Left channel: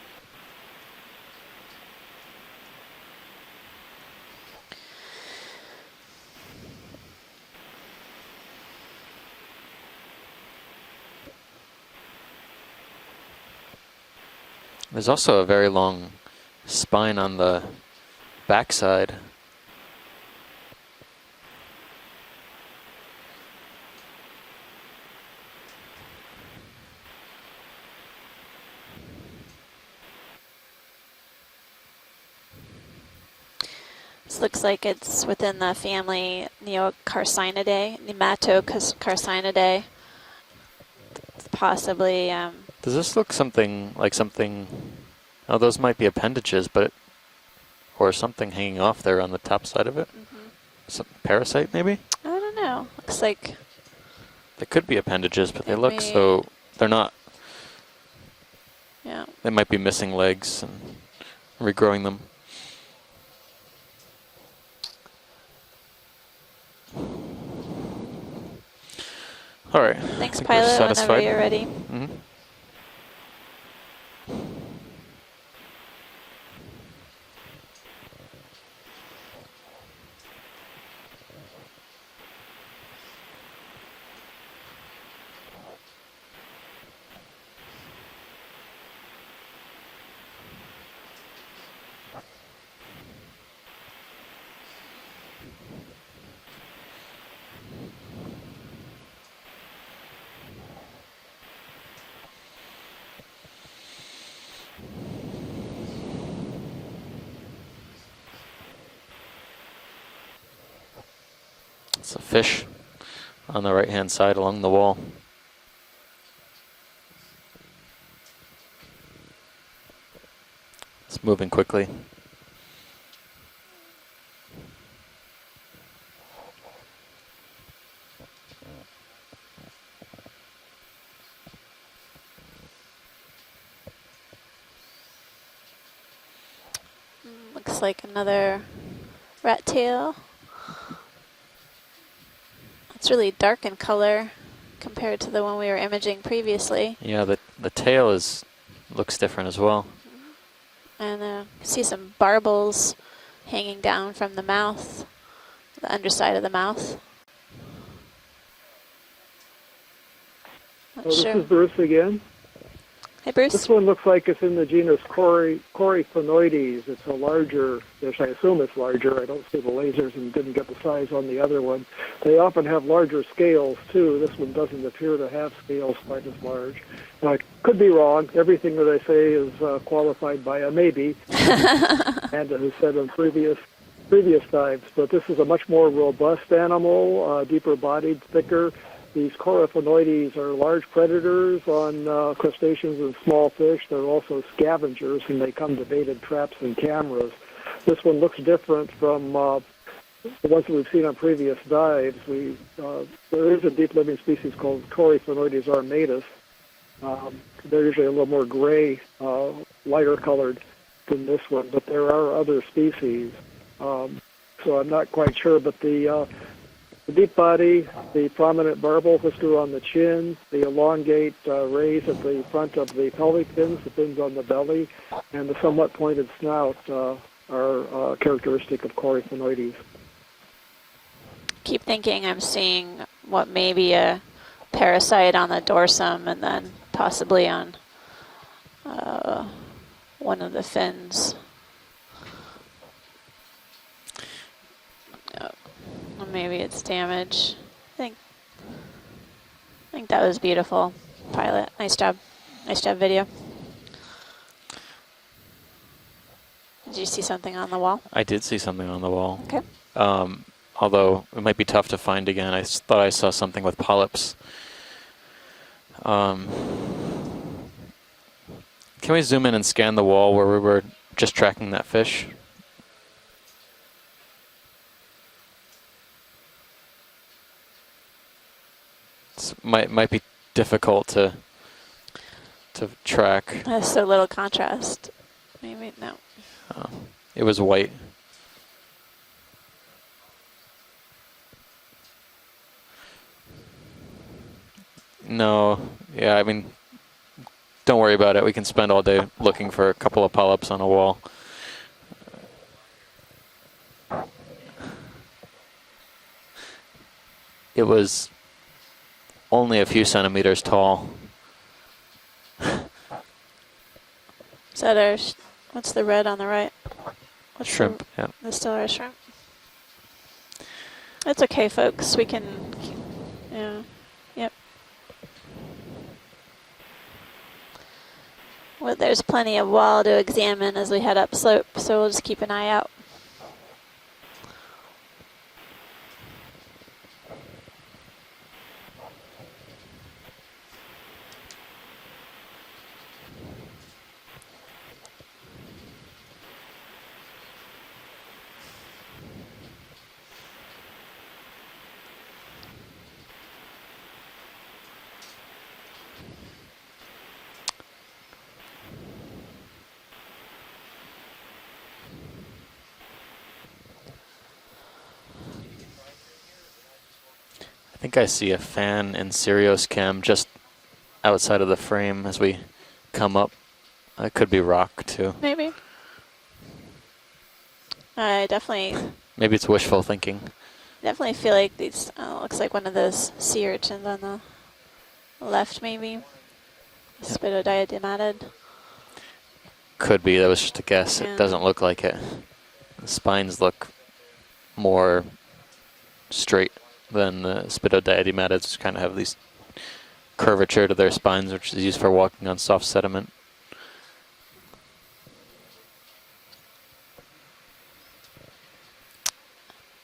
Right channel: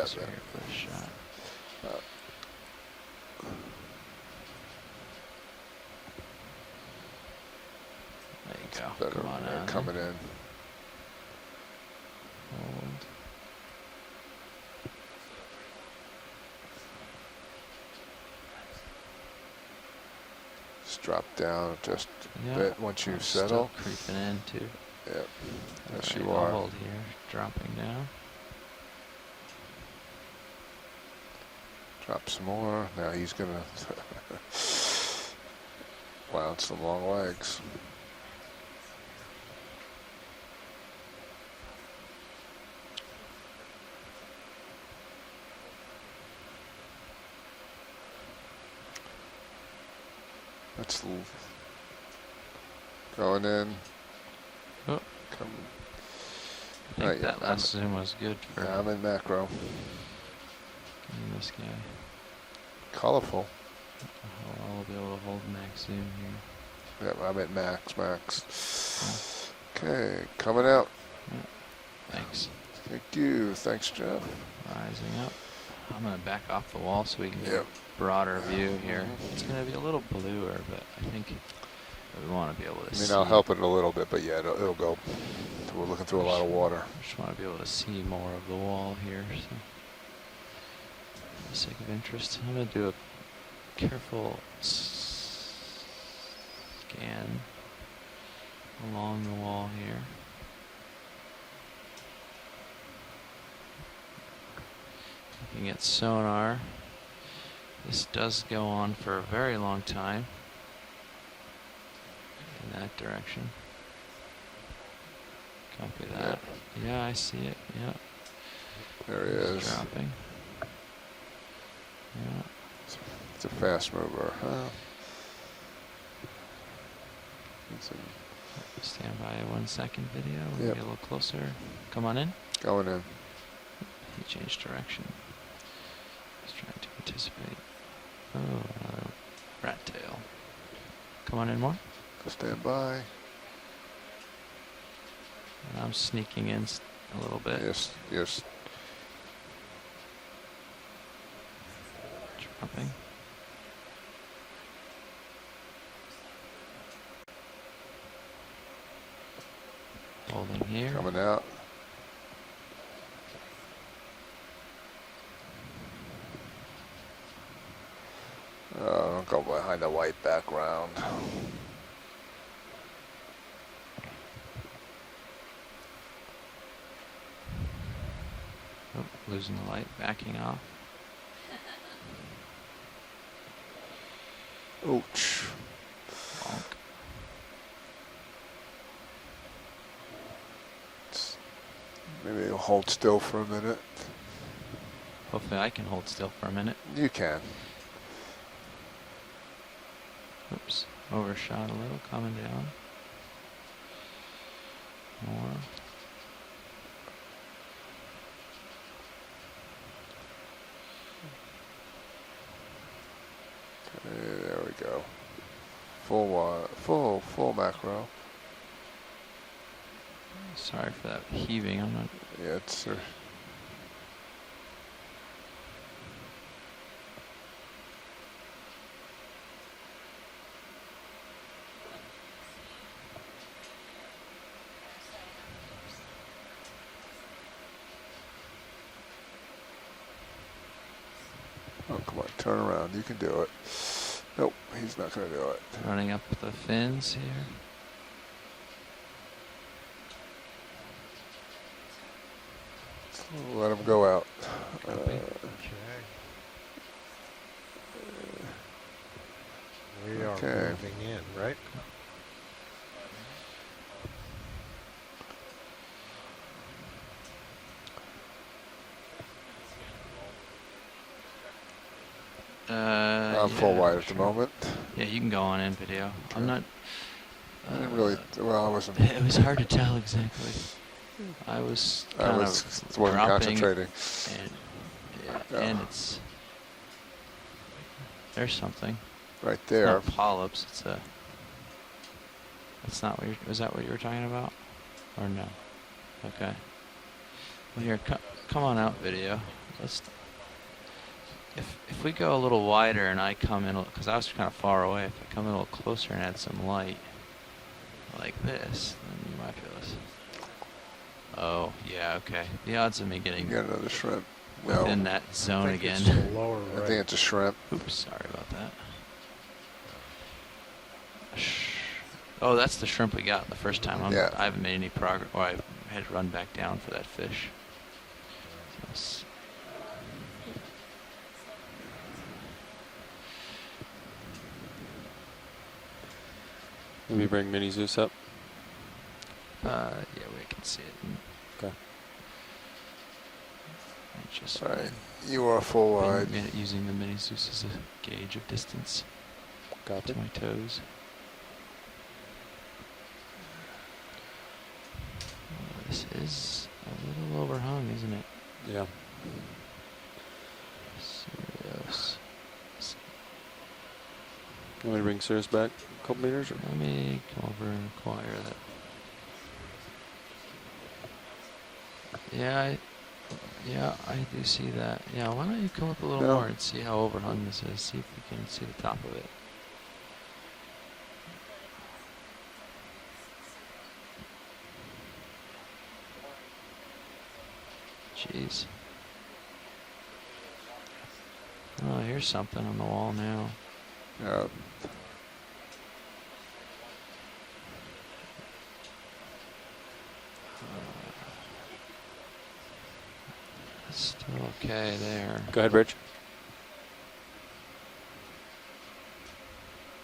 closer here for the shot. There you go. Better Come on out. coming in. Hold. There's also a very long spine on the backside. Just drop down just Yeah. a bit once you Still settle. creeping in too. Yep. Yes, Alright, you I'll are. hold here. Dropping down. Drop some more. Now he's gonna. This looks like it's within the family Wow, it's some long legs. Carcinidae. Possibly. Does this look something like something? Oh, those might be appendages, but or something hanging off there on the top side of it. That's a parasite, maybe. I don't know. Looks going like in. They could be appendages, but they It look may- so. They're not. Right. That last zoom was good for Yeah, I'm in Yeah. macro. They might be missing legs and this guy. regrowing them. Colorful. I'll be able to hold max zoom here. Yeah, I'm at max. All right. thanks, Are we pilot. Whenever satisfied? you're ready. Mhm. Thanks. Thank you. Thanks, Jeff. Rising up. I'm going to back off the wall so we can get Yep. a broader view here. It's going to be a little bluer, but I think we want to be able to I see. mean, I'll help it a little bit, but yeah, it'll go. We're looking through a lot of water. Just want to be able to see more of the wall here. So, for the sake of interest, I'm going to do a careful scan along the wall here. You get sonar. This does go on for a very long time It's a fish in that direction. on the right-hand side along the wall. Copy that. Yeah, I see it. Yeah. There he It's is. dropping. It's moving quickly. Yeah. It's a fast mover. Stand by 1 second video. We'll Yep. get a little closer. Come on in. Going in. He changed direction. He's trying to participate. Looks like another rat tail. Come on in more. Stand by. It's really dark in color compared to the one we were I'm imaging sneaking in. previously. Yeah, Little bit. the Yes, tail yes. is looks different as well. And see some barbels hanging down from the mouth, the underside of the mouth. Holding here. How Well, about this Sure. is Bruce again. Hey, Bruce. This one looks like it's in the genus Coryphonoides. It's a larger, yes, I assume it's larger. I don't see the behind the lasers white and didn't get the background. size on the other one. They often have larger scales, too. This one doesn't appear to have scales quite as large. I could be wrong. Everything that I say is qualified by a maybe, and it was said on previous times. But this is a much more robust animal, deeper bodied, thicker. These Coryphonoides are large predators on Maybe hold crustaceans still and for a small minute. fish. They're also scavengers, and they Okay, I come can to hold baited still for a traps and minute. You cameras. can. This one looks different from the ones that we've seen on previous Overshadowing, dives. coming There is a deep living species called Coryphonoides armatus. They're usually a little more gray, lighter colored than this one, but there are other species. There So we I'm go. not quite sure, but the Full deep body, macro. the prominent barbel whisker on the chin, the Sorry for elongate that heaving. rays at the front of the pelvic fins, the fins on the belly, and the somewhat pointed snout are characteristic of Coryphonoides. Keep thinking I'm seeing what may be a parasite on the dorsum and then possibly on one of the fins. Oh, come on, turn around. You can do it. Nope, he's not going to do it. Running up. Or maybe the it's fins damage. I think that was beautiful, pilot. Nice job. Nice job, video. Let him go out. Did you see something on the wall? I did see something on the wall. Okay. Okay. Although it might be tough to find again. I thought I saw something with polyps. Can we zoom in and scan the wall where we were just tracking that fish? I'm full wide at the moment. Yeah, you can go on in video. I'm not. I didn't really, well, I wasn't. It was hard to Might tell be exactly. difficult to. I was I kind was of wasn't track. concentrating. That's so little contrast. Yeah, Yeah. and Wait, it's- It was white. there's something. Right It's there. not polyps. It's a. That's not what. Was that what you were talking about? Or No. Yeah, I mean, Don't worry about it. We Come can on spend up, all day video. looking for a couple of polyps on a wall. If we go a little wider and I come in, because I was kind of far away, if I come in a little closer and add some light, It was like this. Then you might- only a few centimeters tall. Oh, yeah, okay. The odds of me getting You got another shrimp. No, Is in that that ours? zone That's again. the red on the right. I think it's a shrimp. That's Shrimp. the- Yeah. That's still our shrimp. That's okay, folks. We can. Oh, that's the shrimp we got the Yeah. first time. Yeah. I haven't made any progress. Well, I had to run back down for that fish. Well, there's plenty of wall to examine as we head up slope, so we'll just keep an eye out. Let me bring Mini Zeus up. Yeah, we can see it. Okay. Just All right. You are full wide. using the mini Zeus as a gauge of distance Got to it. my toes. This is a little overhung, isn't it? Yeah. Serious. Let me bring Sirius back a couple meters. Or? Let me come over and I think I see a fan in Sirius cam just outside of the frame as we come up. Yeah, That do could be see rock, that. too. Yeah, why don't Maybe. you come up a little No. more and see how overhung this is. See, I see the definitely- top of it. Maybe it's wishful thinking. Definitely feel like these. Looks like one of those sea urchins on the left, maybe. Spitodiadematid. Jeez. Could be. That was just a guess. Yeah. It doesn't look like Oh, it. there's something on the wall now. Spines look Yeah. more straight than the Spitodiadematids, which kind of have these curvature to their spines, which is used for walking on soft sediment. Still okay there. Go ahead, Rich.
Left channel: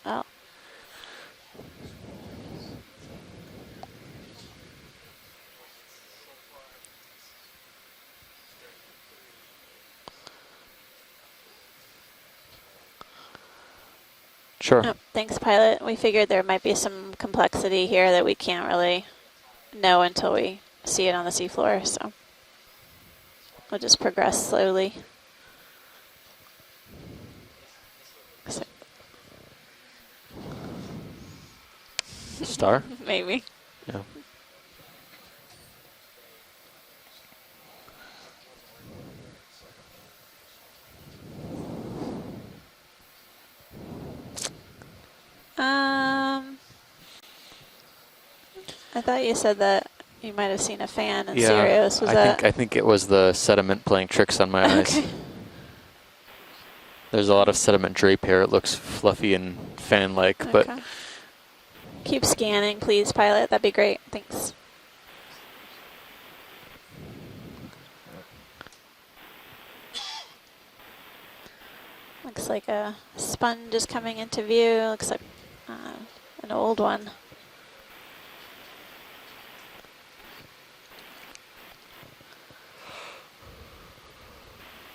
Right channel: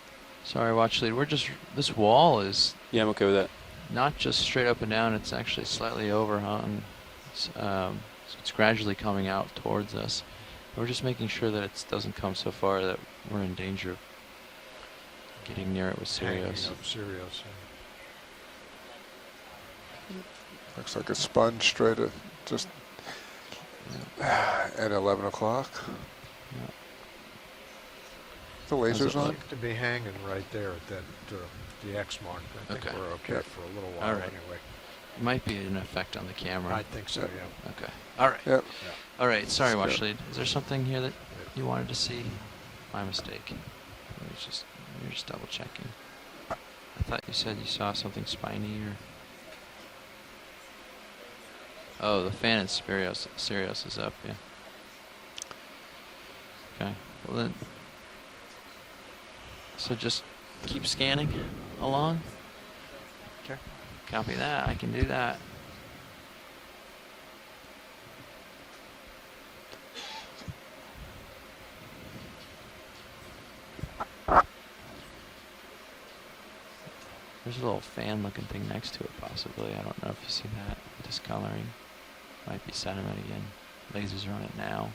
Oh, Sorry, watch lead. This wall is Yeah, I'm okay with that. not just straight up and down, it's actually slightly overhung. So it's gradually coming out towards us. We're just making sure that it doesn't come so far that we're in danger of. Sure. oh, thanks, pilot. Yeah, We it's figured there serious. might be some Serious. complexity here that we can't really know until we Looks see like it a on the sponge seafloor. straight So up just we'll just progress slowly. at 11 o'clock. Yeah. The lasers on? To be hanging right there at the X mark. Star? Okay. We're Maybe. okay for a little Yeah, while all right. anyway. Might be an effect on the camera. I think so, yeah. Okay. All right. Yep. All right. Sorry, Let's watch go. lead. Is there something here that you wanted to see? My mistake. You're just double checking. I thought you said you saw something spiny. I thought you said that you might have seen a fan in Yeah, Sirius. Was I that? I think it was the Sirius sediment is playing up. tricks on my eyes. Okay. Okay. There's a lot of sediment drape here. It looks fluffy and fan-like, but Okay. Keep scanning along. Keep scanning, please, pilot. That'd be great. Copy that. I can do that. Looks like a sponge is coming into view. Looks like an old one. There's a little fan-looking thing next to it, possibly. I don't know if you see that discoloring. Might be sediment again. Lasers are on it now.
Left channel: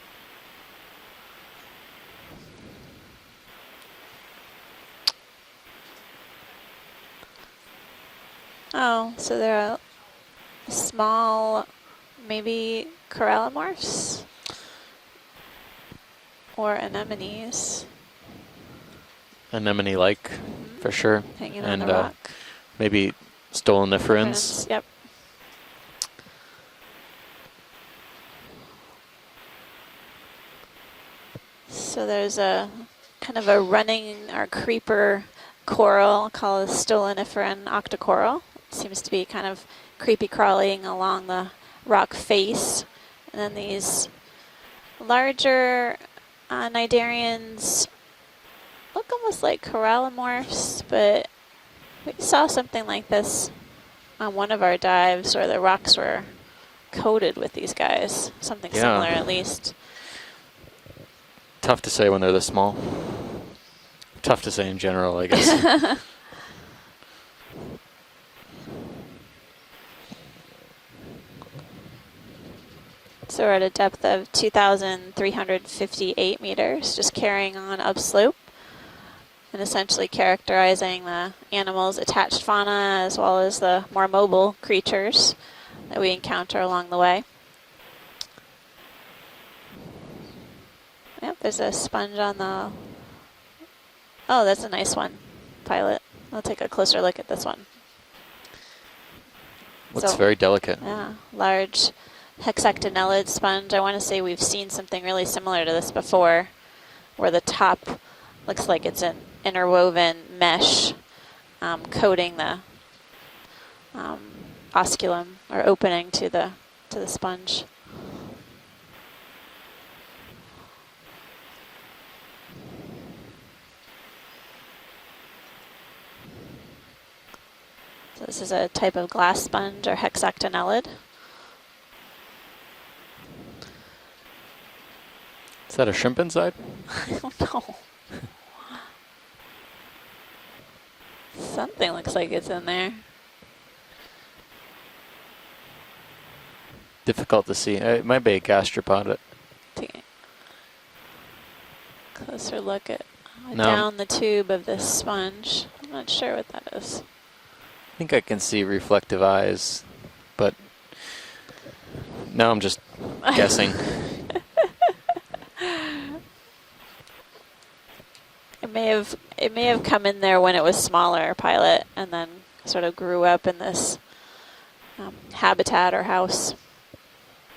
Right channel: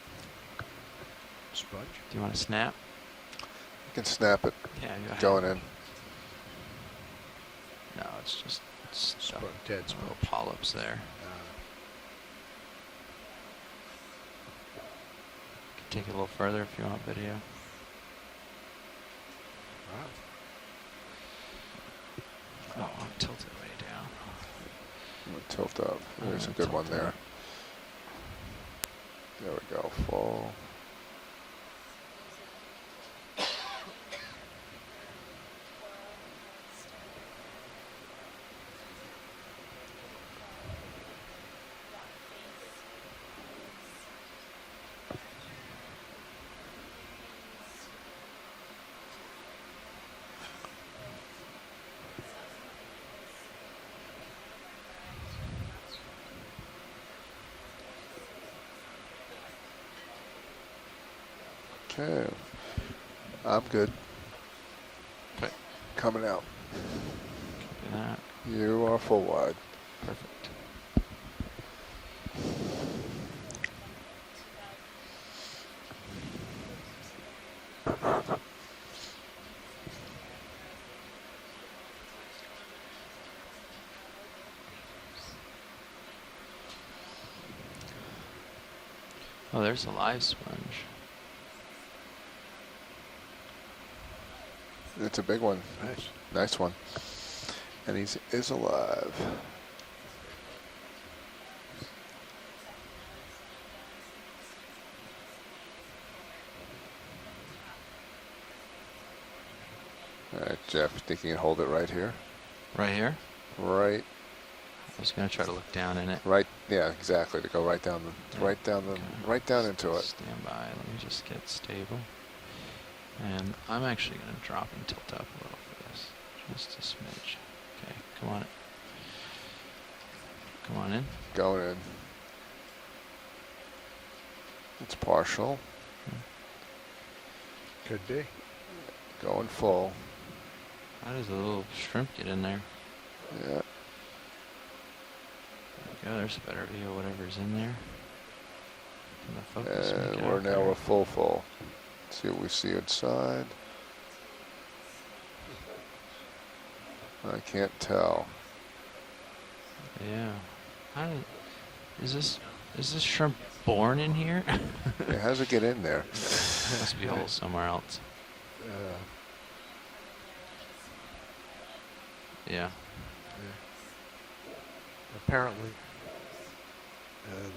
Sponge. Do you want to snap? You can snap it Yeah, go ahead. going in. No, it's just Oh, so there are dead little polyps there. small, maybe corallimorphs Take it a little further. or if you want video. anemones anemone-like for sure. hanging And on the rock. maybe Tilt it. stoloniferans. Yep. Tilt up. There's a good one there. There we go. Full. So there's a kind of a running or creeper coral called a stoloniferan octocoral. It seems to be kind of creepy crawling along the rock face. And then these larger cnidarians look almost like corallimorphs, but we saw something like this on one of our dives where the rocks were coated with these guys. Something Yeah. similar at least. Tough to say when they're this small. I'm good. Tough to say in general, I guess. Coming out. Look at that. You are full wide. So we're at a depth of 2,358 meters, just carrying on upslope and essentially characterizing the animals' attached fauna as well as the more mobile creatures that we encounter along the way. Oh, there's a live sponge. Yep, there's a sponge on the... Oh, that's a nice one. It's a big one. Pilot. We'll Nice take one. a closer look at this one. And he is alive. Looks So- very delicate. Yeah, large hexactinellid sponge. I want to say we've seen something really similar to this before, where the top looks like it's an interwoven mesh Yeah, I think you can hold it right coating the Right here? here. Right. osculum try to or look down opening in it. to Right. the Yeah, to the exactly. sponge. To go right down into it. Stand by. Let me just get stable. And I'm actually going to drop and tilt up a little for this. Just a smidge. Okay. So this is a type of glass sponge or hexactinellid. Going in. It's partial. Is that a shrimp inside? I don't know. Could be. Going full. That is a little Something looks like it's in there. Yeah. Yeah, there's a better view. of whatever's Difficult in to see. there. It might be a gastropod. I'm gonna focus and And get we're out now there. we're full. See what we Closer see look at inside. No. down the tube of this sponge. I'm not sure what that is. I can't I tell. think I can see reflective eyes, Yeah. but Is this, now I'm just is this shrimp guessing. born in here? How does it get in there? There must be holes somewhere else. It may have come in there when it was smaller, Pilot, and then Yeah. sort of grew up in this habitat or house.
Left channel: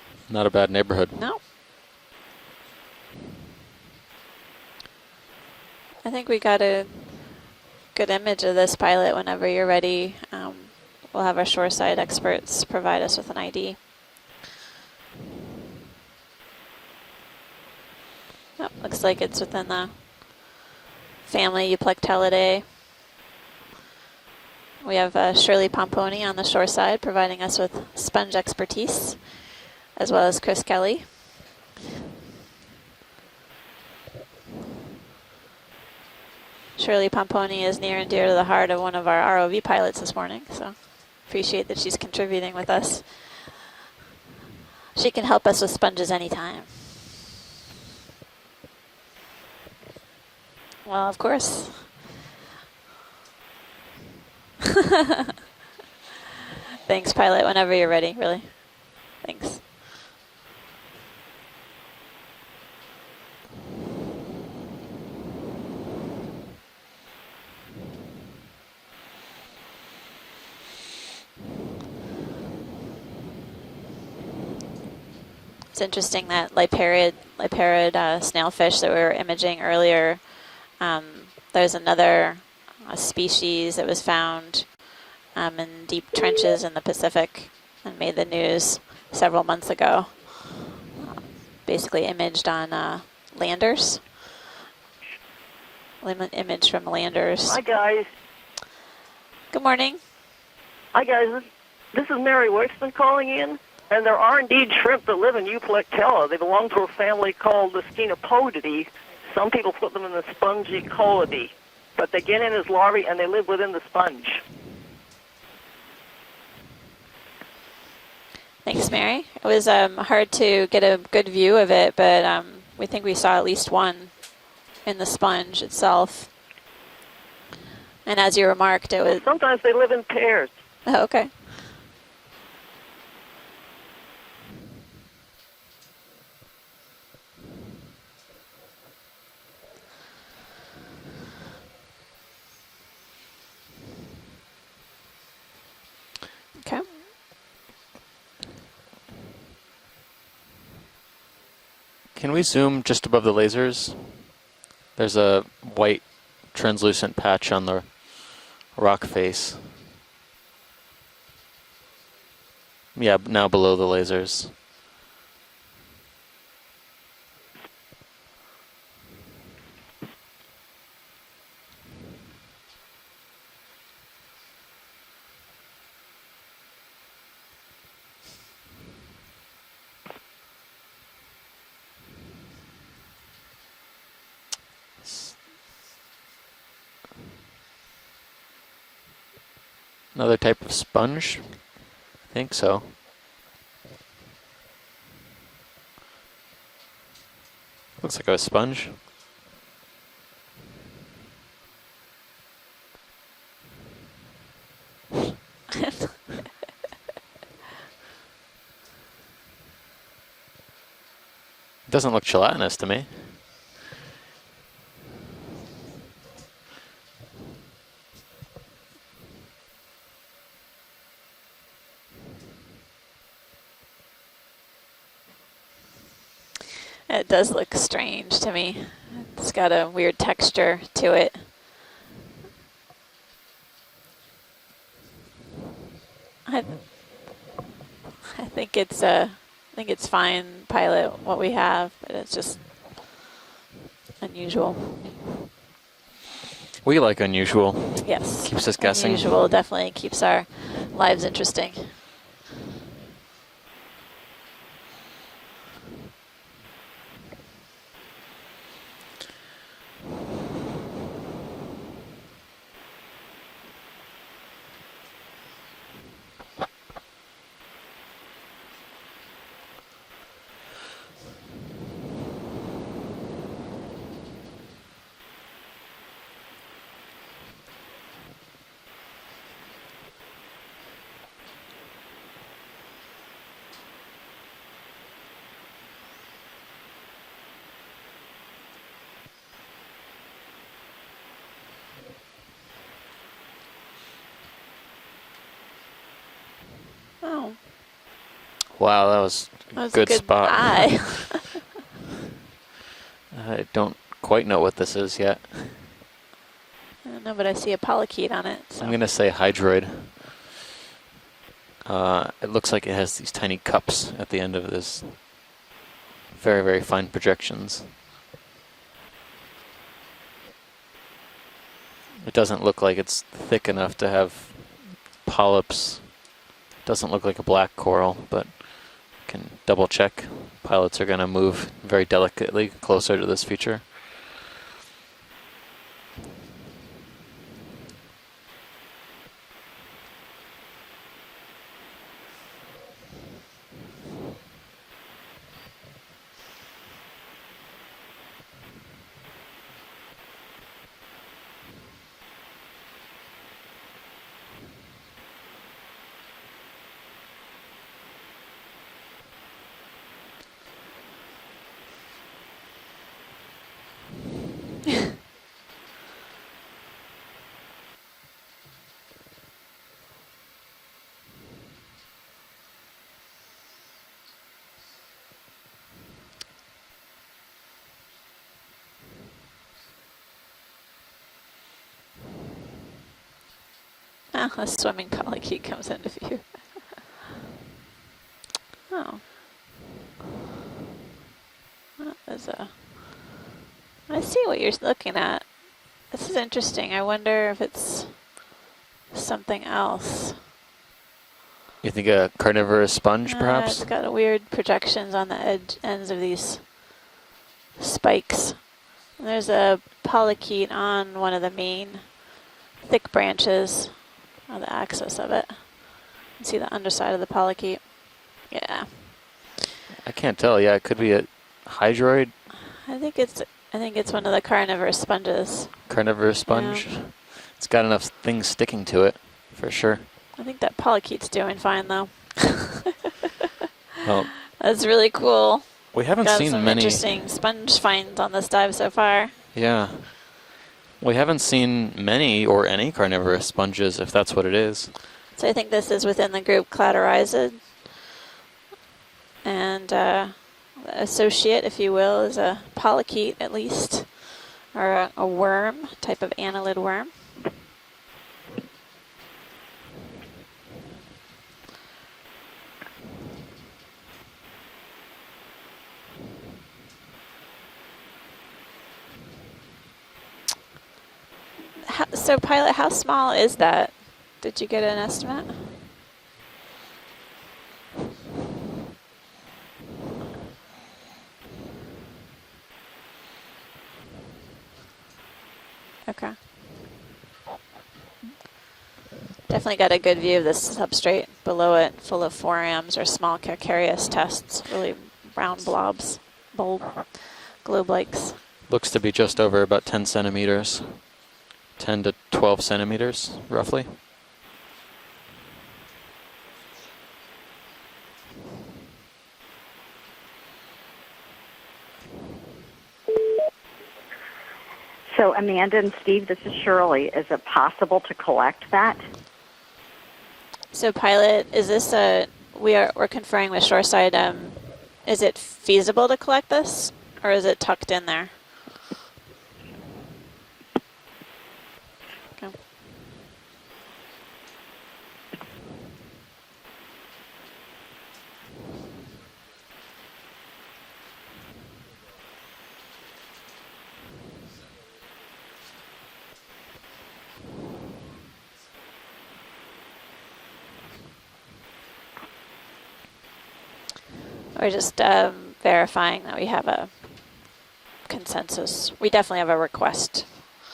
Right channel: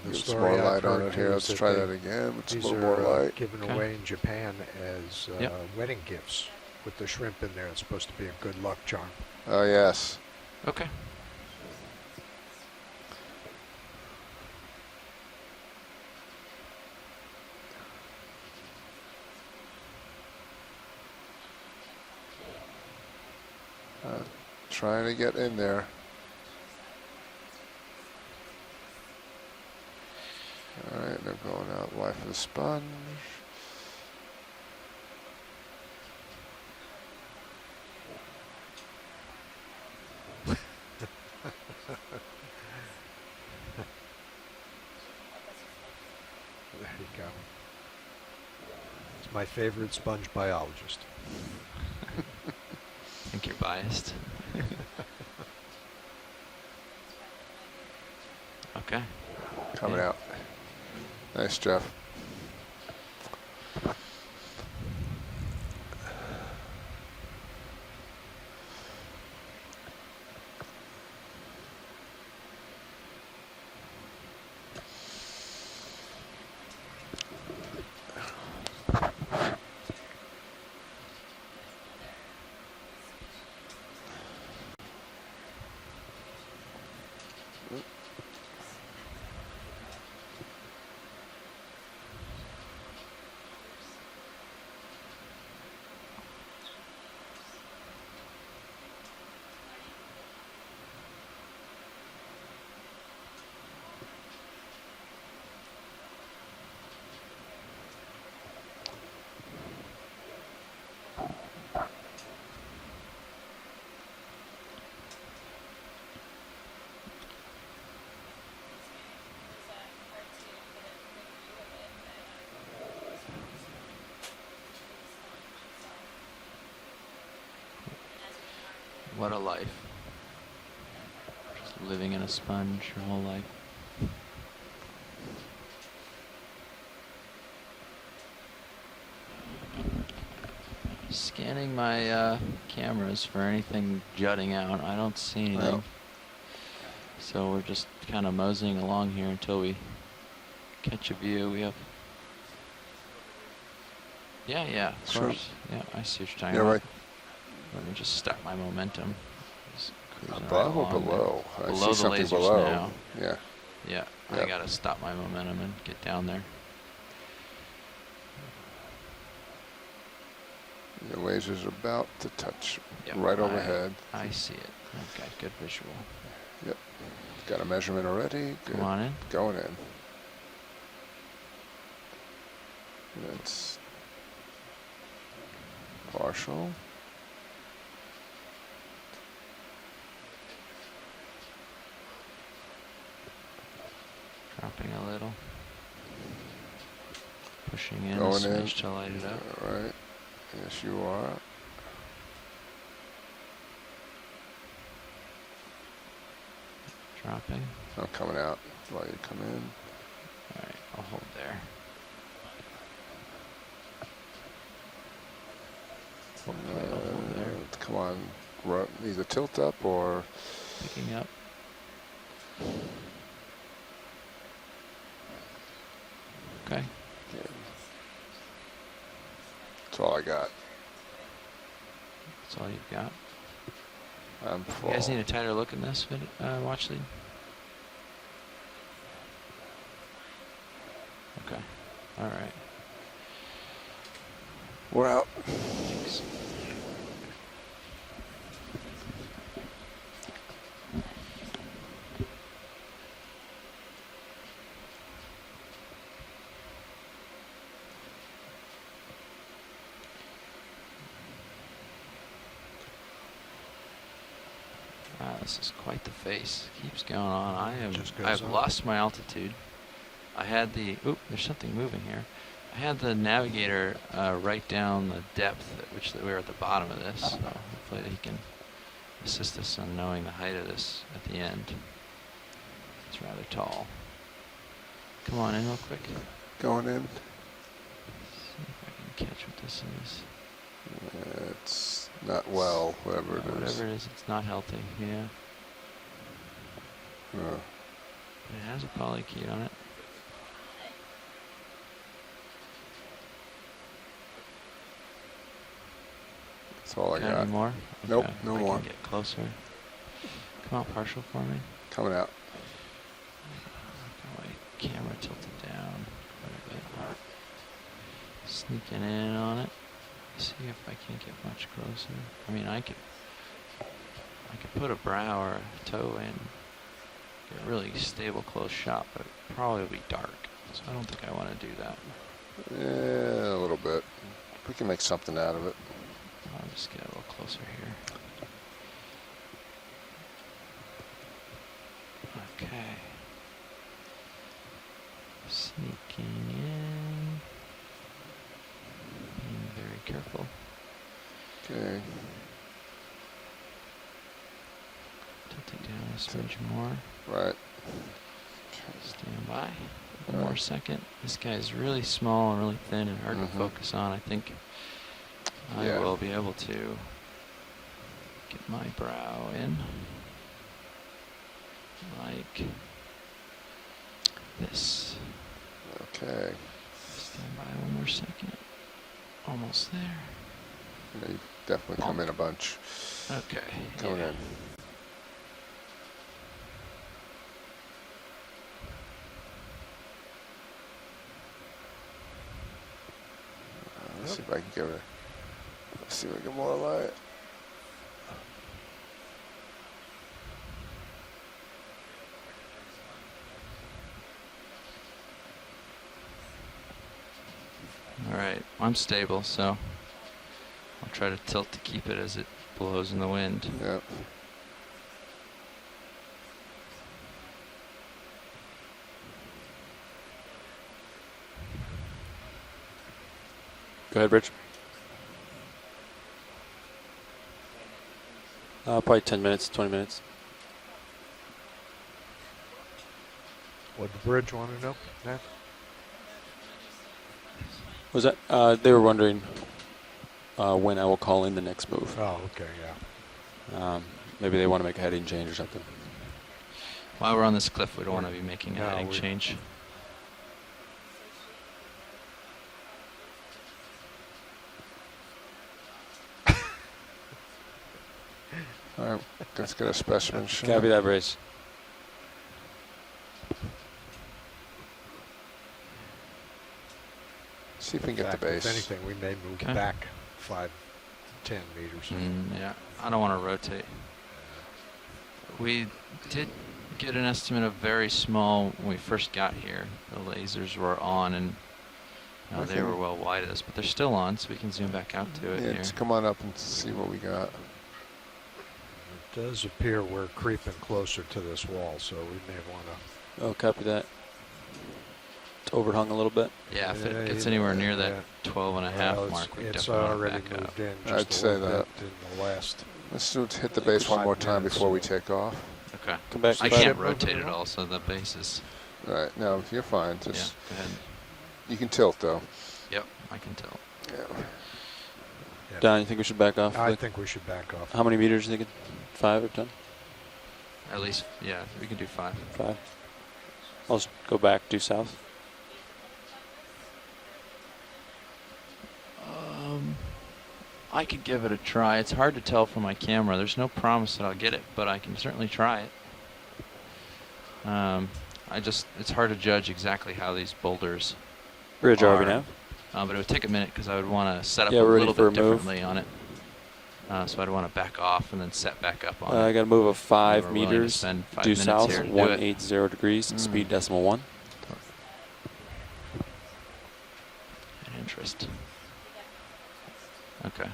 The It's not a story bad I read neighborhood. is Here, let's that try they- that again. It's a These little are more light. given Okay. away in Japan as Yep. wedding I think gifts we got a with the shrimp in there. It's supposed good to be a image good of this, luck Pilot, charm. whenever you're Oh, ready. yes. Okay. We'll have our shoreside experts provide us with an ID. Oh, looks like it's within the family Euplectellidae. Try We to have get in Shirley there. Pomponi on the shore side providing us with sponge expertise, as well as Chris Kelly. All right, they're going out life of the sponge. Shirley Pomponi is near and dear to the heart of one of our ROV pilots this morning, so appreciate that she's contributing with us. She can help us with sponges anytime. There you go. It's my favorite sponge biologist. Well, of course. I think you're biased. Thanks, Pilot, whenever you're ready, really. Okay. Thanks. Coming out. Nice, Jeff. It's interesting that liparid snailfish that we were imaging earlier, there's another species that was found in deep trenches in the Pacific and made the news several months ago. Basically imaged on landers. Image from landers. Hi, guys. Good morning. Hi, guys. This is Mary Wixton calling in. And there are indeed shrimp that live in Euplectella. They belong to a family called the Scenopodidae. Some people put them in the Spongiecolidae. But they get in as larvae and they live within the sponge. Thanks, Mary. It was hard to get a good view of it, but we think we saw at least one in the sponge itself. And as you remarked, it was... Sometimes they live in pairs. Oh, okay. Living in a sponge your whole life. Scanning my cameras for anything jutting out. I don't see anything. No. Okay. So we're just kind of moseying along here until we catch a view. We have, Can we zoom just above the lasers? yeah. There's sure. a Yeah, white I see what you're talking about. translucent patch on the Let me just stop my momentum. rock face. Just cruising right Above or along there. below? I Below see the something lasers below. now. Yeah, Yeah. now below the Yeah, lasers. I gotta stop my momentum and get down there. The laser's about to touch Yep, right overhead. I see it. Okay, good visual. Got a measurement already. Good. Come on in. Going in. That's partial. Another type of sponge? I think so. Dropping a little. Pushing Looks in. like a Going in. sponge. To light it up. All right. Yes, you are. Dropping. It's not coming out while you come in. Alright, I'll hold there. Doesn't look gelatinous to me. Come on. Either tilt up or Picking up. Okay. It does look strange to me. It's got a all I weird got. texture to it. That's all you've got. I'm full. You guys need a tighter look in this watch lead? I think it's fine, pilot, what we have. But it's All just unusual. We're out. We like unusual. Yes. Keeps us guessing. Unusual definitely keeps our lives interesting. Wow, this is quite the face. Keeps going on. Just goes I've on. lost my altitude. I had the, oop, there's something moving here. I had the navigator write down the depth at which we were at the bottom of this. So hopefully he can assist us on knowing the height of this at the end. It's rather tall. Come on in real quick. Going in. See if I can catch what this is. It's not well, whatever it is. Whatever it is, it's not healthy. Yeah. Oh, It has Wow, a that little was heat on it. that was good a good spot. eye. I don't quite know what this is yet. That's all I No, got. but I more? see a polychaete Nope, on no it. more. so- I'm going to say Close enough. hydroid. Come on, partial for me. It looks like it has these tiny cups at the end of this. Camera tilted down. Very, very fine projections. Sneaking in on it. See if I can get much closer. It doesn't Yeah, look I like it's thick enough to have, could put a brow or a polyps. toe in. doesn't look like a black Really coral, stable but close shot, but can probably double be check. dark. Pilots are going to move very delicately closer to this Yeah, feature. A little bit. We can make something out of it. I'll just get a little closer here. Okay. Sneaking in. Being very careful. Okay. Tilt it down a smidge more. Right. Stand by. One more second. This guy is really small and really thin and hard to focus on. I think I Yeah. will be able to get my brow in like this. Okay. Stand by one more second. Almost there. Yeah, you definitely come in a bunch. Okay. Coming in. Oh, a swimming polychaete comes into view. Oh. There's a. I see what you're looking at. This is interesting. I wonder if it's something else. You think a carnivorous sponge, perhaps? It's got weird projections on the ends of these spikes. Right. I'm stable. There's so a polychaete on try one to of the tilt to main keep it as it blows in thick the wind. branches Yep. on the axis of it. You can see the underside of the polychaete. Yeah. I can't tell. Yeah, it could be a hydroid I think it's one of the carnivorous sponges. carnivorous sponge. It's got enough things sticking to Probably it. 10 minutes. for 20 sure. minutes. I think that polychaete's doing fine though. Well, Bridge one. That's really cool. we haven't Got seen some many. interesting sponge finds Was on that- this dive they so were far. wondering Yeah, when we haven't alcohol seen index, but we many found- or any carnivorous sponges, if that's what it They is. want to make a heading change. So I think this is within the group While we're on Cladorhiza. this cliff, we don't want to be making No, a heading we- change. And the associate, if you will, is a polychaete at least. Or a worm, type of annelid worm. All right. Let's get a specimen shot. Copy that, brace. See if we can get the In fact, base. If anything, we may move Okay. back 5, 10 meters. So pilot, how small wanna is rotate. that? Did you get an estimate? We did get an estimate of very small when we first got here. The lasers were on and they were well wide of us, but they're still on, so we can zoom back out to it Yeah, here. just come on Okay. up and see what we got. Does Definitely got a appear good we're view of the pretty closer substrate to this below wall, it, so full of we can- forams or small copy calcareous that. tests, really round It's overhung blobs. a little bit. Bulb. Yeah, if it Yeah, gets yeah. anywhere Globe near lakes. that 12 Looks to and a be half just mark, over about It's 10 already centimeters. in just I'd a say little that. bit. 10 to 12 centimeters, So let's roughly. hit the base one more time before we take off. Okay. Come back. I come can't back. rotate it all, so the base is. All right. No, you're fine. Yeah, Just go ahead. you can tilt though. Yep, I can tell. So Amanda Don, and you think we Steve, should this back is off? Shirley. I think we Is should it back off. possible How many to meters do you collect think? that? 5 or 10? So At least, pilot, yeah, is this 4 or 5. We're conferring with Shoreside. Go back due south. Is it feasible to collect this, or is it tucked in there? I could give it a try. It's hard to tell from my camera. There's no promise that I'll get it, but I can certainly try it. It's hard to judge exactly how these boulders Bridge are. RV now. But it would take a minute because I would want to set up Yeah, a we're ready little for bit a move. differently on it. So I'd want to back off and then set back up on I it. got to move of 5 We're willing to meters spend 5 due minutes south, here to do it. 180 degrees, speed decimal 1. We're just verifying that we have a consensus. We definitely have a request. Okay.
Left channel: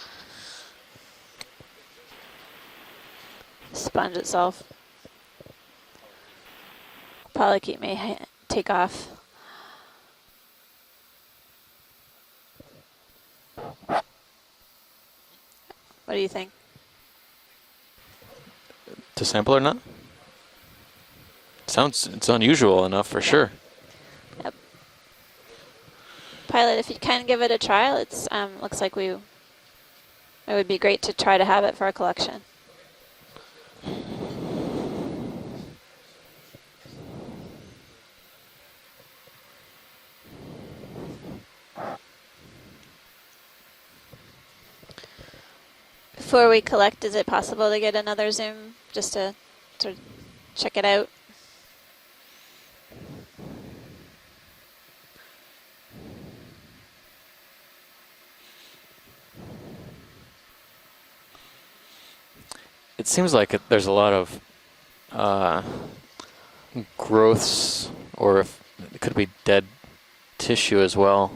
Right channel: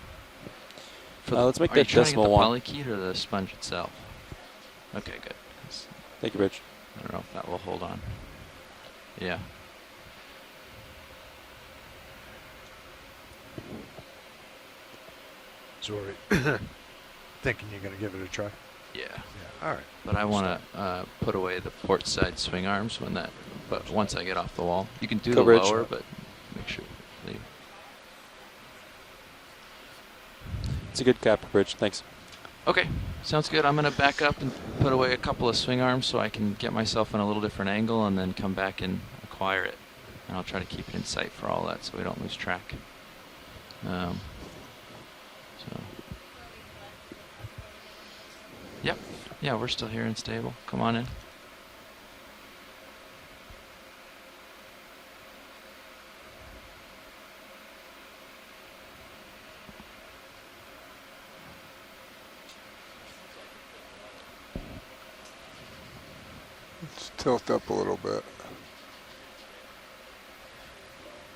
Let's make Are you that trying to get decimal the 1. polykeet or the sponge itself? Sponge itself. Okay, good. Thanks. Thank you, Bridge. I don't know. Polykeet Hold on. may take off. Yeah. So What do you think? Thinking you're going to give it a try? Yeah. To sample or not? But I want to put away the Sounds- port it's sides unusual arms enough on for the sure. wall. But once I get off the wall, you can do Go the Bridge. lower, but Pilot, if you can give it a trial, it's looks like it would be great It's a to good try tap, to have Bridge. it for Thanks. a collection. okay. Sounds good. I'm going to back up and put away a couple of swing arms so I can get myself in a little different angle and then come back and acquire it. And I'll try to keep it in sight for all that so we don't lose track. So Before we collect, is it possible to get another zoom? Yep. Just to yeah, we're still So here and stable. check Come it on out. in. It seems like there's a lot of growths, up a little bit. or if it could be dead tissue as well.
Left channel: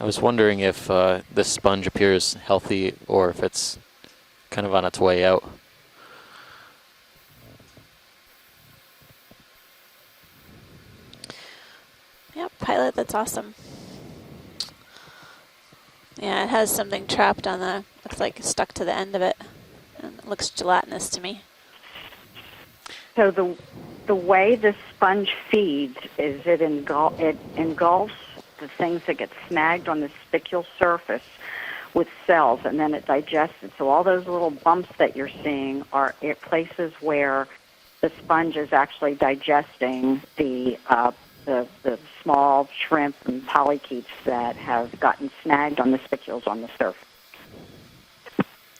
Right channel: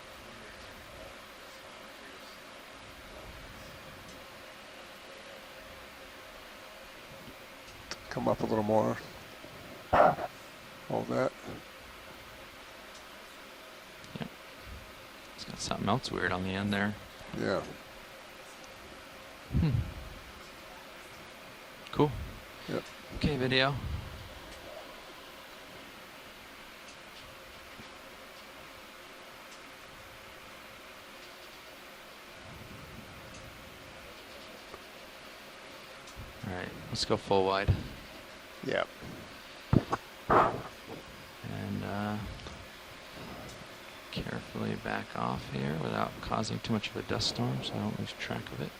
I was wondering if this sponge appears healthy or if it's kind of on its way out. Come up a little more. Hold that. Yep, Pilot, that's awesome. It's got something else weird. Yeah, it going has on there. something trapped on the, looks like stuck to the end of it. Hmm. And it looks gelatinous to me. Cool. So Okay, the video. the way the sponge feeds is it engulfs the things that get snagged on the spicule surface with cells, and then it digests it. So all those little bumps that you're seeing are places Let's go where full wide. the sponge is actually digesting the small shrimp and polychaetes that Back have gotten off snagged there on the without spicules on causing the too much of surface. a dust storm, so I don't lose track of it.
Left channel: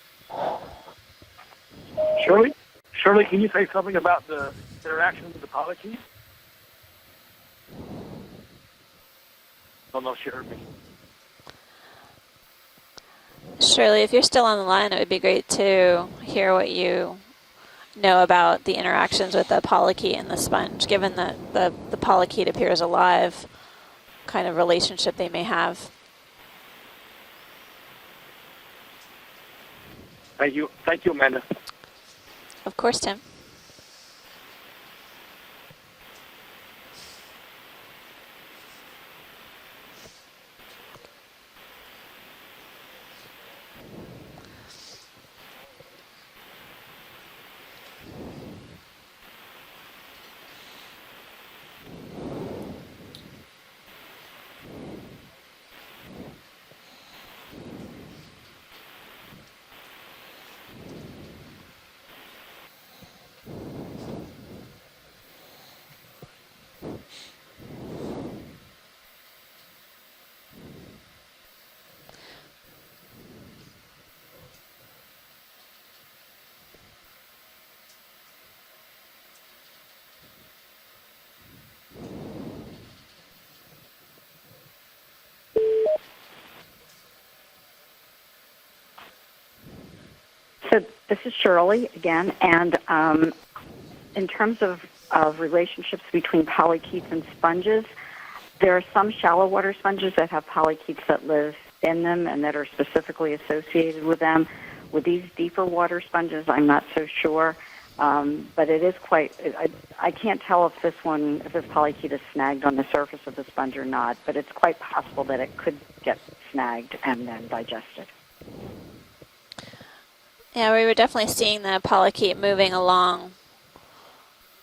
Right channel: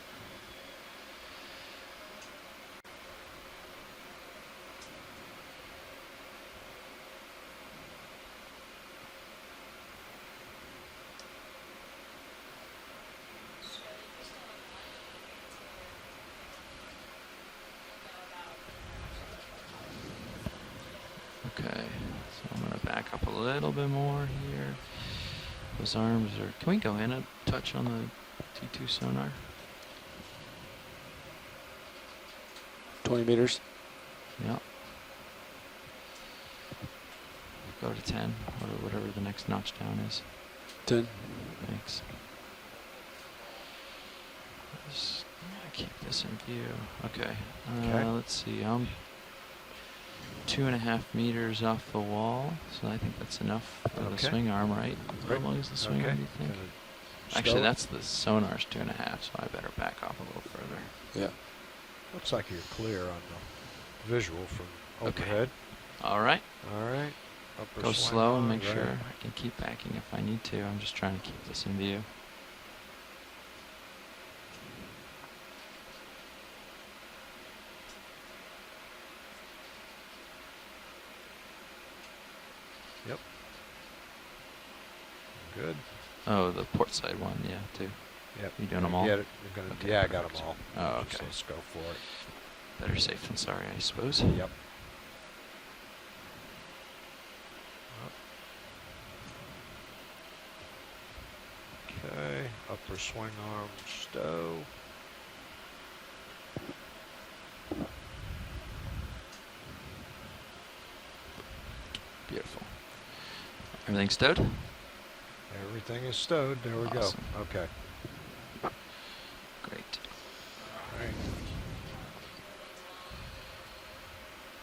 Shirley, can you say something about the interaction with the polychaete? I don't know if she heard me. Shirley, if you're still on the line, it would be great to hear what you know about the interactions with the polychaete and the sponge, given that the polychaete appears alive, A little bit more. kind of relationship they may have. His arms are. Can we go in and touch on the T2 sonar? Thank you, Amanda. Of course, 20 Tim. meters. Yep. Go to 10, whatever the next notch down is. 10. Thanks. Just keep this in view. Okay. Okay. Let's see. I'm 2.5 meters off the wall, so I think that's enough for the Okay. swing arm, right? Great. How long is the swing Okay. arm, you think? Gonna Actually, stow it. that's the sonar's 2.5, so I better back off a little further. Yeah. Looks like you're clear on the visual from Okay. overhead. All right. All right. Upper Go swing slow and arm, make right. sure I can keep backing if I need to. I'm just trying to keep this in view. Yep. Oh, the port side one, yeah, too. Yep. You doing them all? Get it. You're gonna, yeah, I got them all. So Oh, this okay. is Shirley again, and Better safe than sorry, I suppose. in terms of relationships between polychaetes and sponges, there are some shallow water sponges that have polychaetes that live in them and that are specifically associated with them. With these deeper water sponges, I'm not so sure, but it is quite. I can't tell if this polychaete is snagged on the surface of the sponge or not, stowed? but it's quite possible that it could Everything is get stowed. There we snagged go. and then Okay. digested. Great. Yeah, we were definitely seeing the polychaete moving along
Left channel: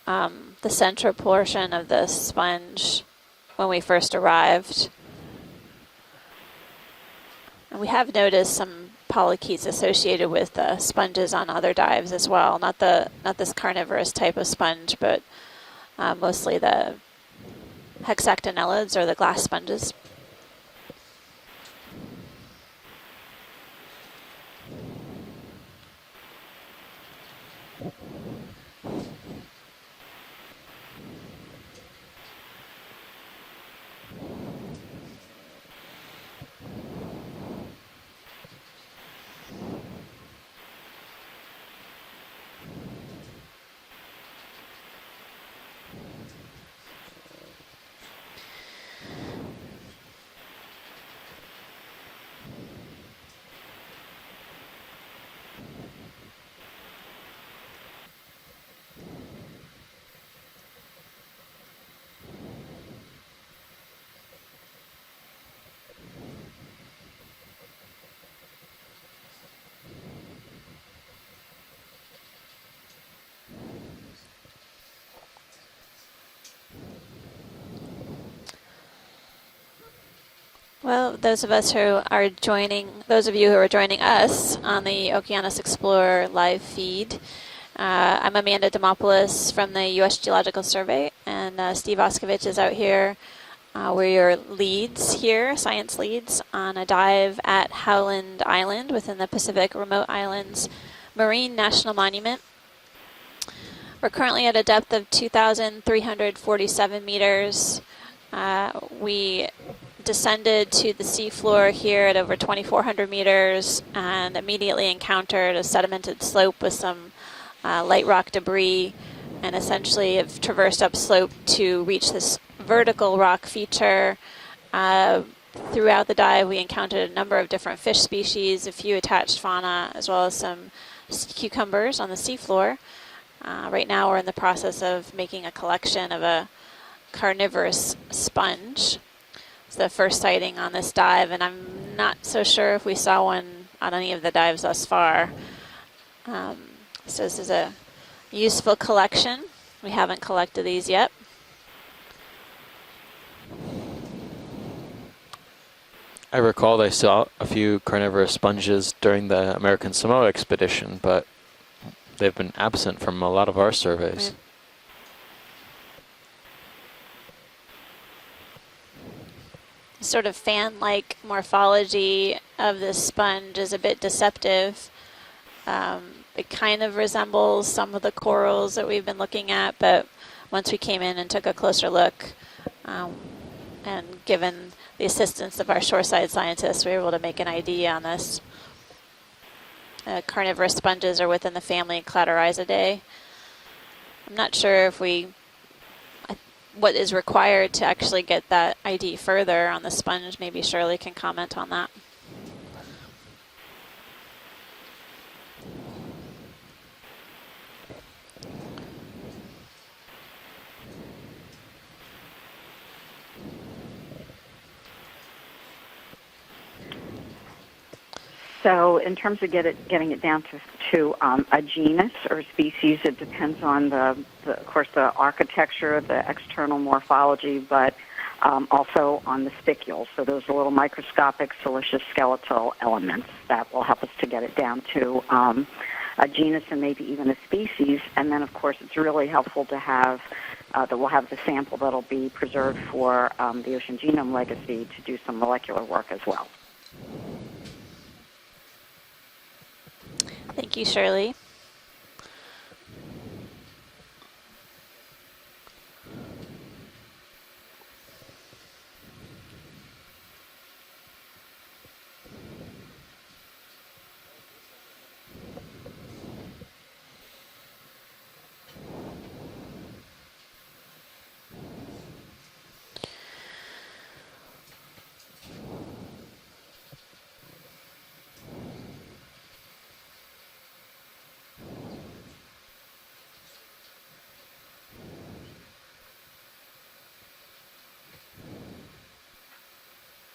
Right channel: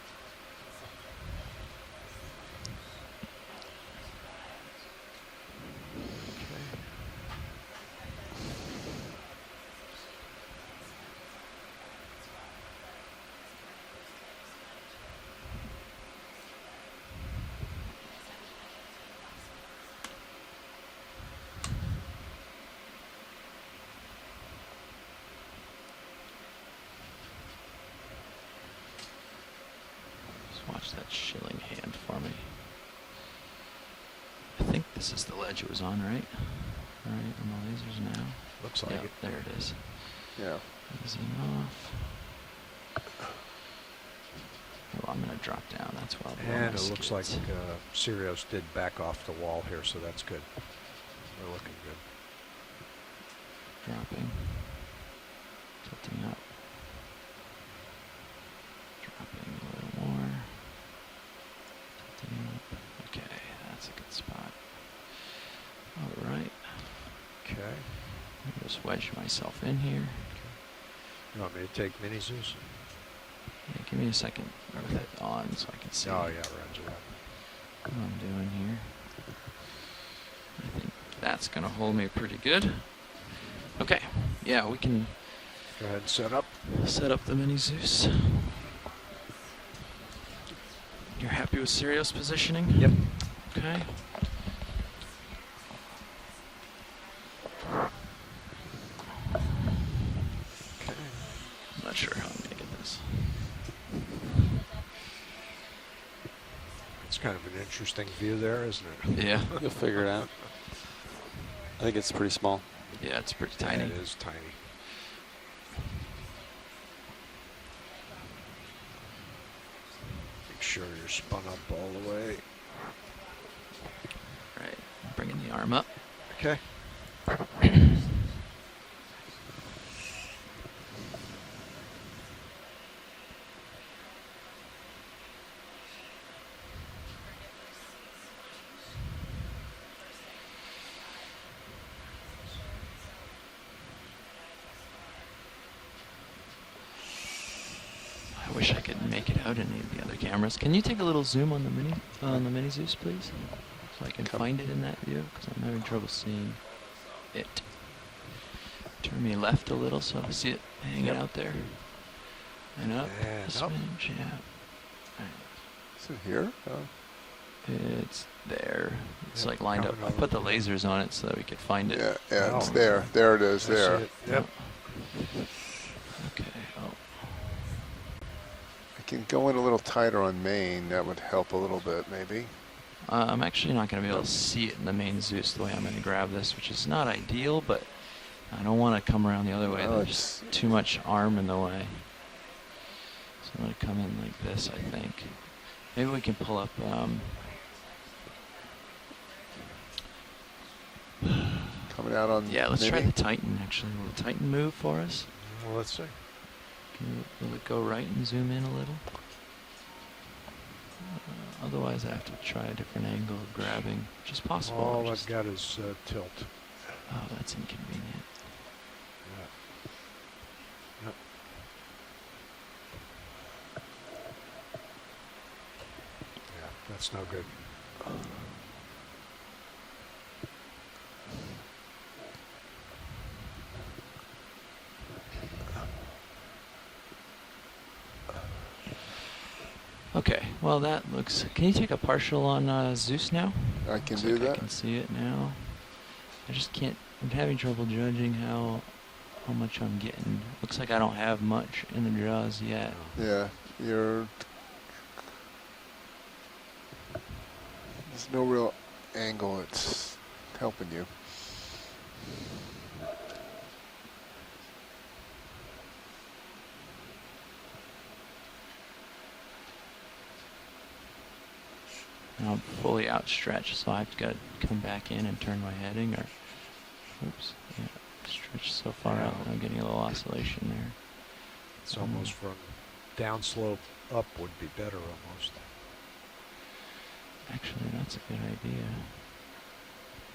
the central portion of the sponge when we first arrived. And we have noticed some polychaetes associated with sponges on other dives as well. Not this carnivorous type of sponge, but mostly the hexactinellids or the glass sponges. Just watch that shilling hand for me. I think this is the ledge it was on, right? Alright, lasers now. Looks like Yep, it. there it is. Yeah. Easy enough. Oh, I'm gonna drop down. That's why. And it looks like Sirius did back off the wall here, so that's good. They're looking good. Dropping. Tilting up. Dropping a little more. Okay, that's a good spot. Alright. Okay. Just wedge myself in here. You want me to take mini zoos? Yeah, give me a second. Remember that on so I can see Oh, yeah, roger. what I'm doing here. Well, those That's of us who gonna hold me are pretty good. joining, those of you who are joining Okay. us Yeah, we on the can Okeanos Explorer set up- live Set feed, up the mini Zeus. I'm Amanda Demopoulos from the U.S. Geological Survey, You're happy and with Steve Sirius Oskovich is position? out here. Okay. We're your leads here, science leads, on a dive at Howland Island within the Pacific Remote Islands Marine National Monument. Look at this. We're currently at a depth of 2,347 meters. Interesting view there, isn't it? We Yeah. We'll figure it out. descended to the seafloor here it's at pretty over small. 2,400 Yeah, it's pretty meters tiny. and immediately encountered a sedimented slope with some light rock debris, and essentially have traversed upslope to reach this vertical rock feature. Bringing the arm up. Throughout the dive, we Okay. encountered a number of different fish species, a few attached fauna, as well as some cucumbers on the seafloor. Right now, we're in the process of making a collection of a carnivorous sponge. It's the first sighting on this dive, and I'm not so sure if we saw one on any of the dives thus far. So this is a I useful wish I could collection. make out any of We the haven't cameras. collected Can you these take yet. a little zoom on the mini Zeus, please? So I can find it in that view, because I'm having trouble seeing. I recall they saw a few carnivorous sponges during Maybe left the a American little so Samoa you can see it expedition, hang but out there. they've been absent Yeah. from a lot of our surveys. Is it here? It's there. It's like lined up. Sort Put of the lasers on fan-like it so that we can find morphology Yeah, it's of there. the There sponge it is, is a there. bit deceptive. It kind of resembles some of the corals that we've been Keep going looking a at, little but tighter on once we Maine, came that in would and took a help closer little bit, look, maybe. I'm actually not going to be and able to given see it in the the main assistance Zeus of our lens. shoreside Which scientists, is we were not able to make an ideal, but ID on this. I don't want to come around the other way. Oh, There's too Carnivorous much sponges are arm in within the the way. family Cladorhizidae. So I'm gonna come in like I'm not this, sure I if we think. Maybe we can pull up what is required to actually get that ID further on the sponge. Maybe Shirley can comment on that. Coming out on Yeah, let's try mini? the Titan actually. Will the Titan move for us? Well, let's see. Will it go right and zoom in a little? Otherwise, I have to try a different angle of grabbing, which is possible. All I I've just- got is tilt. Oh, that's inconvenient. So in terms of getting it down to a genus or a species, it depends on of course, the architecture, the external morphology, but also on the spicules. So those are little microscopic siliceous skeletal elements that will help us to get it down to a genus and maybe even a species. And then, of course, it's really helpful to have Okay. Well, that we'll have the looks, can you sample take a that'll be partial on preserved for Zeus now? the Ocean I can Genome see that. Legacy See to it do now. some molecular work as well. I just can't. I'm having trouble judging how much I'm getting. Thank Looks you, like I Shirley. don't have much in the jaws yet. Yeah, there's no real angle that's helping you. And I'm fully outstretched, so I've got to come back in and turn my heading, or oops, yeah, stretched so far out that I'm getting a little oscillation there. It's almost from downslope up would be better almost. Actually, that's a good idea.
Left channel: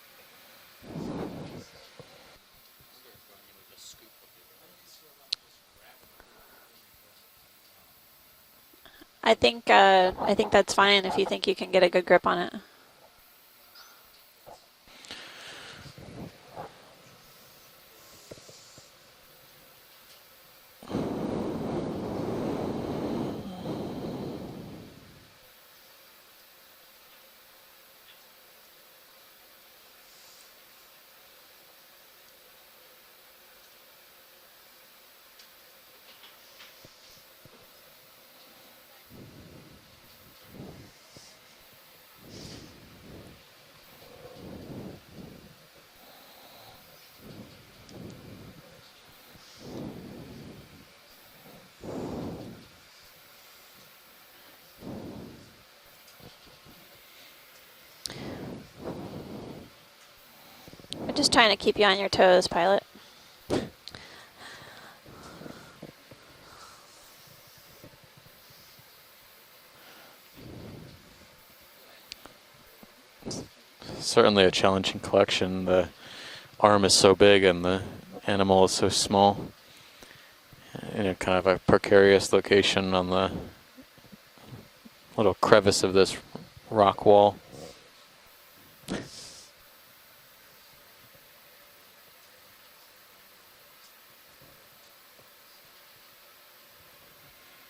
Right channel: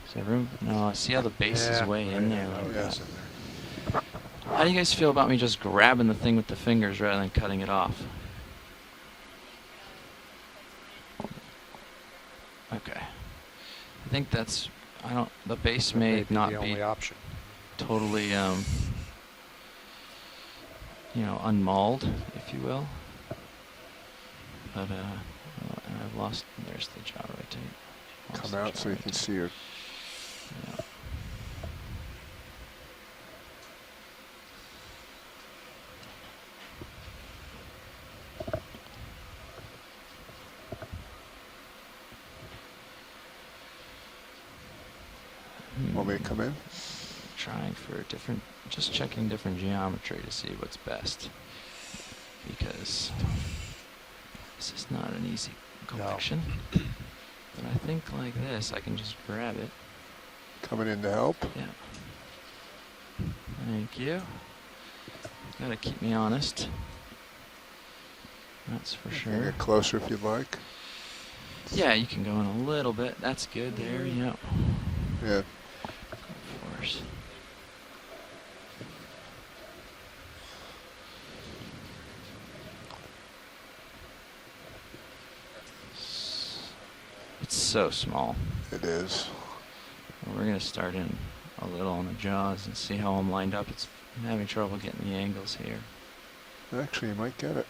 Is there room? No, I see how the base is way in there. Oh, Like yeah. that. How do you guys feel about me just grabbing the thing with the fingers rather than cutting it off? I think that's fine if you think you can get a good grip on it. Okay. I think that's. I don't. The base That may be not the be only option. totally, unmauled, if you will. But lost. There's the jaw right tape. Lost Come the out jaw so you right can tape. see your. Yeah. Want me to come in? Trying for different, just checking different geometry to see what's best. Because this is not an easy collection. But I think like this, I can just grab it. Coming in to Just help. trying to keep you on your toes, pilot. Thank you. Gotta keep me honest. That's for You can sure. get closer if you'd like. Yeah, you can go in a little bit. That's good there. Certainly a challenging collection. The arm is so big and the animal is so small. In a kind of a precarious location on the little crevice of this rock wall. It's so small. It is. We're gonna start in a little on the jaws and see how I'm lined up. I'm having trouble getting the angles here. Actually, you might get it.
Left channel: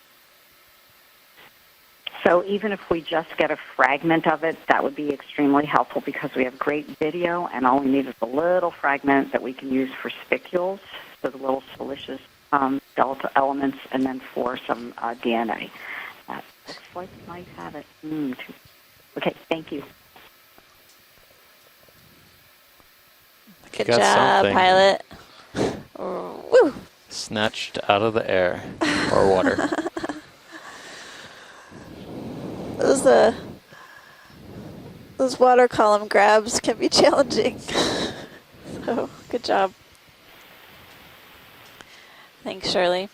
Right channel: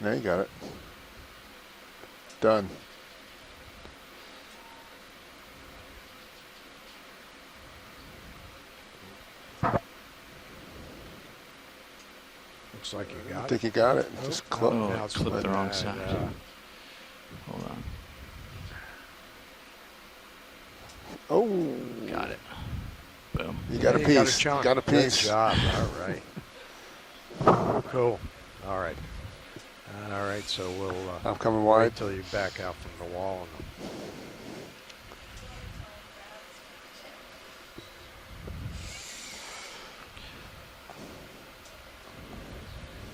Now you got it. So Done. even if we just get a fragment of it, that would be extremely helpful because we have great video, and all we need is a little fragment that we can use for spicules, so the little siliceous delta elements, got and it. then That's for some close. DNA. Close. That looks like it might have it. Okay, thank you. Oh. Got it. Boom. You Good got job, something. pilot. Good job. All right. Woo! Snatched out of the air All right. or water. All right, so we'll I'm coming wait wide. till you back out. Those water column grabs can be challenging. So, good job. Thanks, Shirley.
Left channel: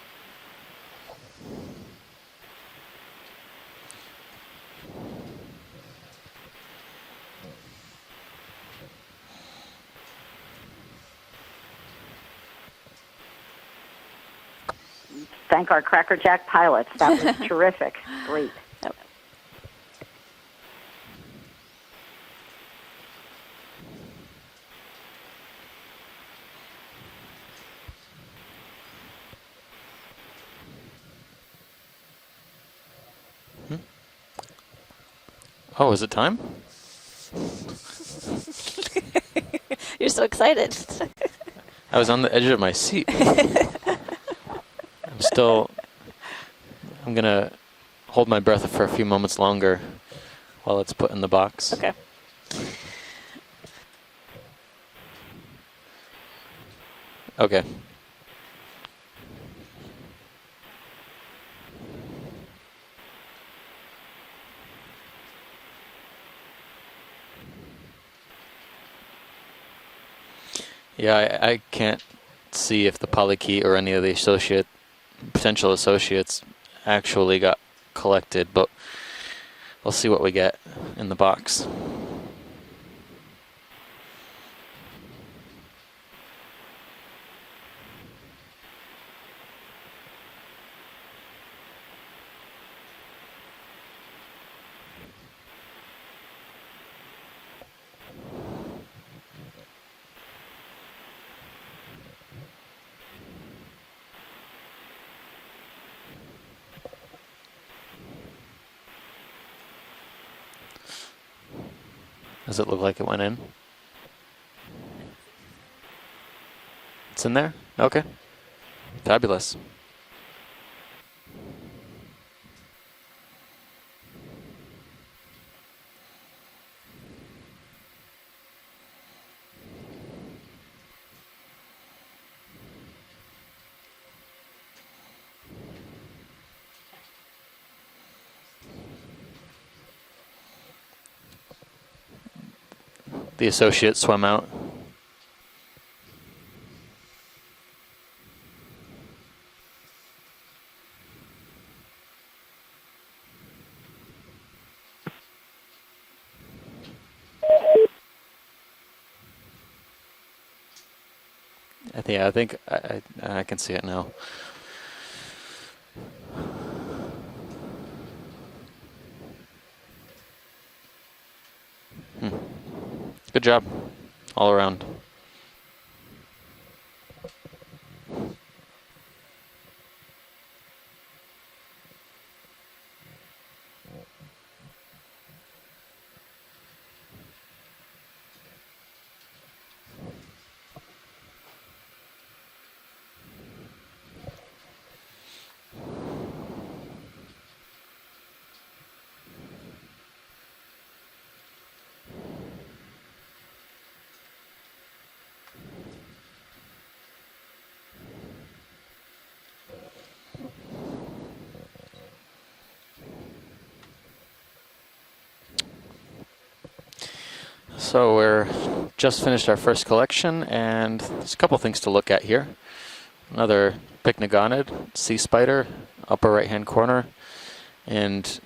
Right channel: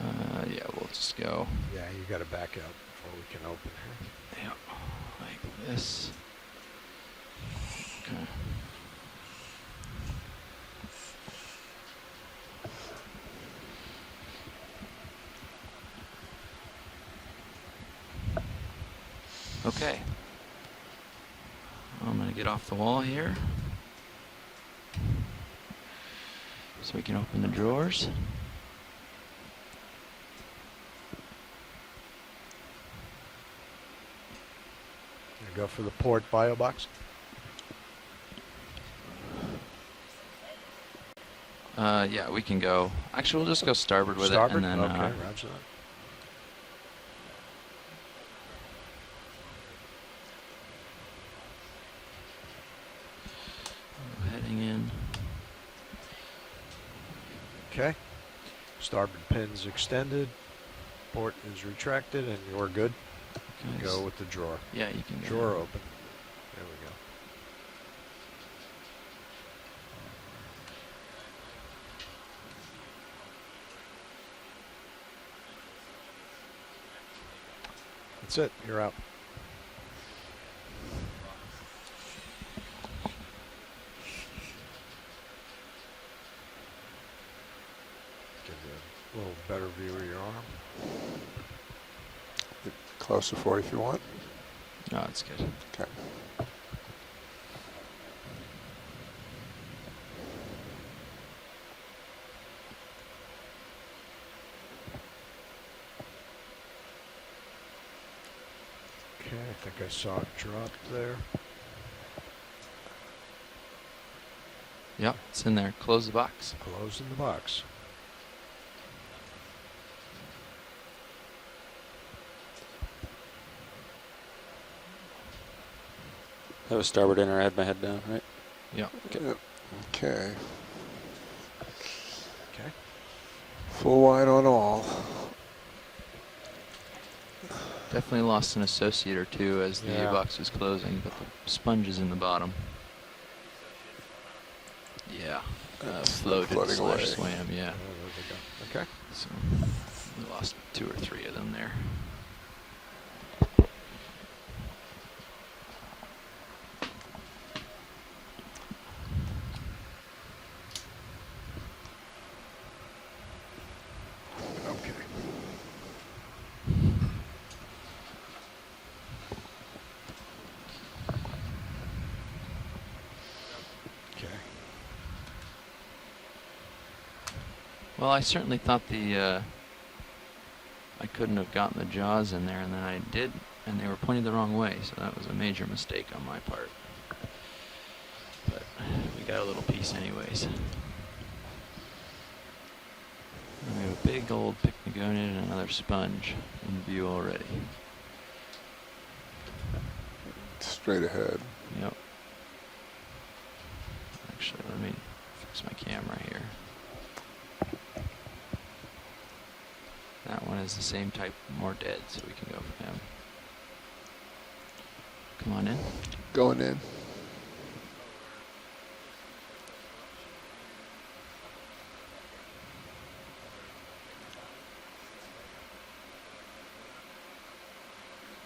Yeah, we'll just go. Yeah, you got to back out before we can open. Yeah, like this. Okay. Thank our Cracker Jack pilots. That was terrific. Great. Okay. I'm gonna get off the wall here. So we can open the drawers. Go for Oh, the is it fourth time? bio box. You're so excited. I was on the we edge can of my go- seat. We'll just go starboard with Starboard? it, and then Okay. Still, I'm going to hold my breath for a few moments longer while it's put in the box. Okay. heading in. Okay. Okay. Starboard pin's extended. Port is retracted, and you're good. Nice. Go with the drawer. Yeah, you can go. Drawer open. There Yeah, I can't see if the polykey or any of the potential associates actually got we go. collected, That's it. but You're out. we'll see what we get in the box. Get a little better view of your arm. Get closer for you if you want. No, it's good. Okay. Okay, I think I saw it drop there. Does it look like it went in? Yep, it's in there. Close the box. Closing the It's in there? box. Okay. Fabulous. That was starboard inner. I had my head down, right? Yep. Yep. Okay. Okay. Full wide on all. Definitely lost an associate or two as the Yeah. box was closing, but the sponge is in the bottom. The associate swam out. Yeah. It's Floated floating slash away. swam, yeah. Oh, there we go. Okay. So we lost 2 or 3 of them there. I think I can see it now. Good job, Okay. all around. Well, I certainly thought I couldn't have gotten the jaws in there, and then I did, and they were pointed the wrong way, so that was a major mistake on my part. But we got a little piece anyways. We have a big old Pycnogonid and another sponge in view already. Straight ahead. Yep. Actually, let me fix my camera here. That one is the same type, more dead, so we can go for him. Come on in. Going in. So we're just finished our first collection, and there's a couple things to look at here. Another Pycnogonid, sea spider, upper right-hand corner, and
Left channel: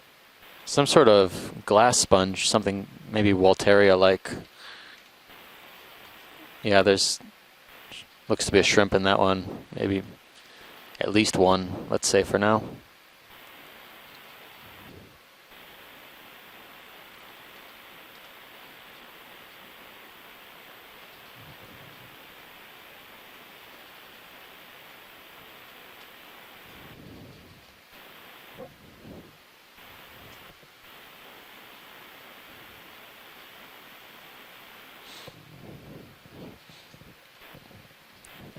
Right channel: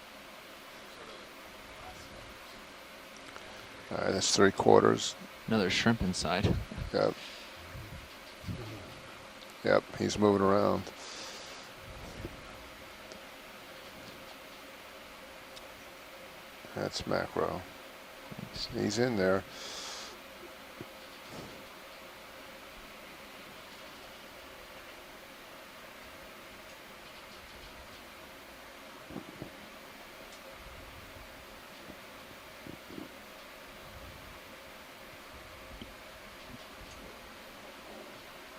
some sort of glass sponge, something maybe Walteria-like. That's 3/4. Another shrimp inside. Yeah, there's looks to be a shrimp in that one. Yeah, Maybe he's moving around. at least one, let's say for now. That's macro. He's in there.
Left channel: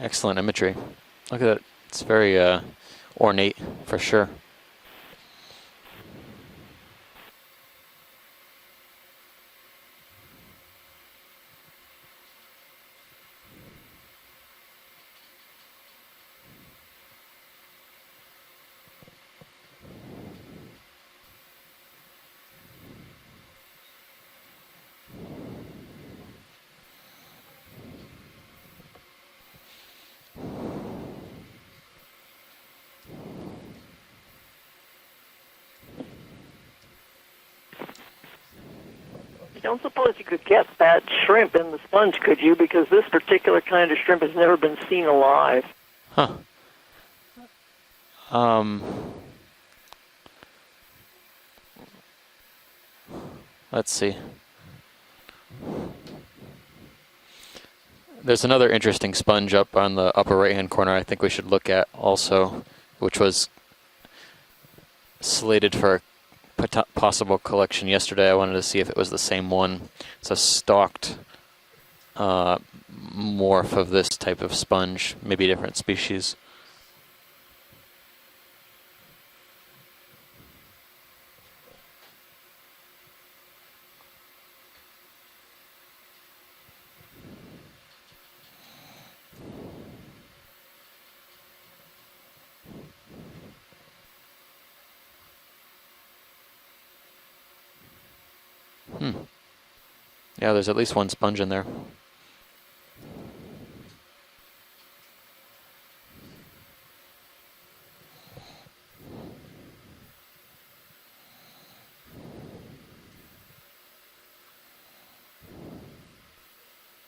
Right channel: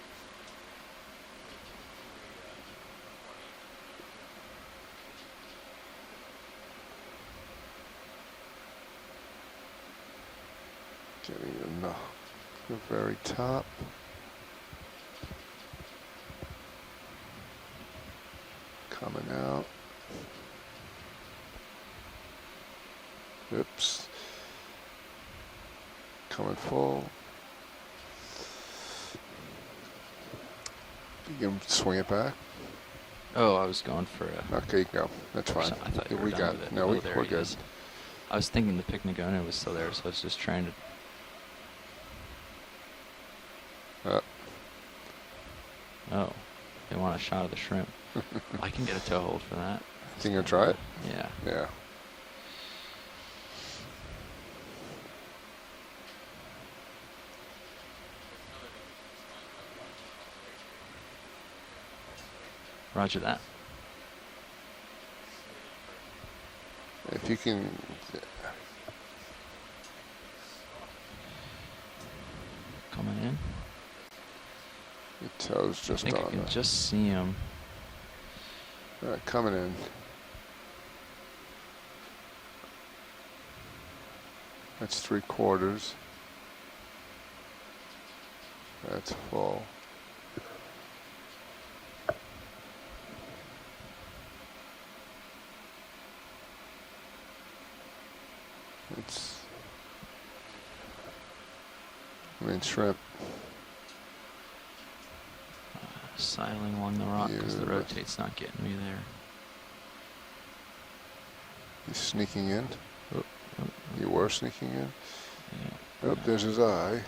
Excellent imagery. Look at that. It's very ornate for sure. Getting the very top. Coming out. Oops. Coming full. You can swing it back. Oh, I was going for a... Okay, you go. That's fine. I thought you were We done got with it. it. No, Oh, we're there he good. is. I was thinking the Pycnogonid was still Don't there. So I suppose was you just could trying get that shrimp in the sponge, could you? Because this particular kind of shrimp No. has never been seen alive. to... Huh. They want a shot of the shrimp. I can get a toe hold for that. Think you'll try it? Yeah. Yeah. Let's see. There's another interesting sponge up on the upper right-hand corner I think we should look at also, which Roger was slated for a possible collection yesterday. I wanted to see if it was the same one. It's a stalked morph of this type of sponge, maybe So different it's just species. You can just see him. All right, coming in. That's 3/4. That's full. Hmm. Yeah, there's at least one sponge in there. I mean, shrimp. Siling along the rock because the Yeah. rotate's not getting me there. He's sneaking in. Oh, You were sneaking in. yeah. Oh, there's his eye.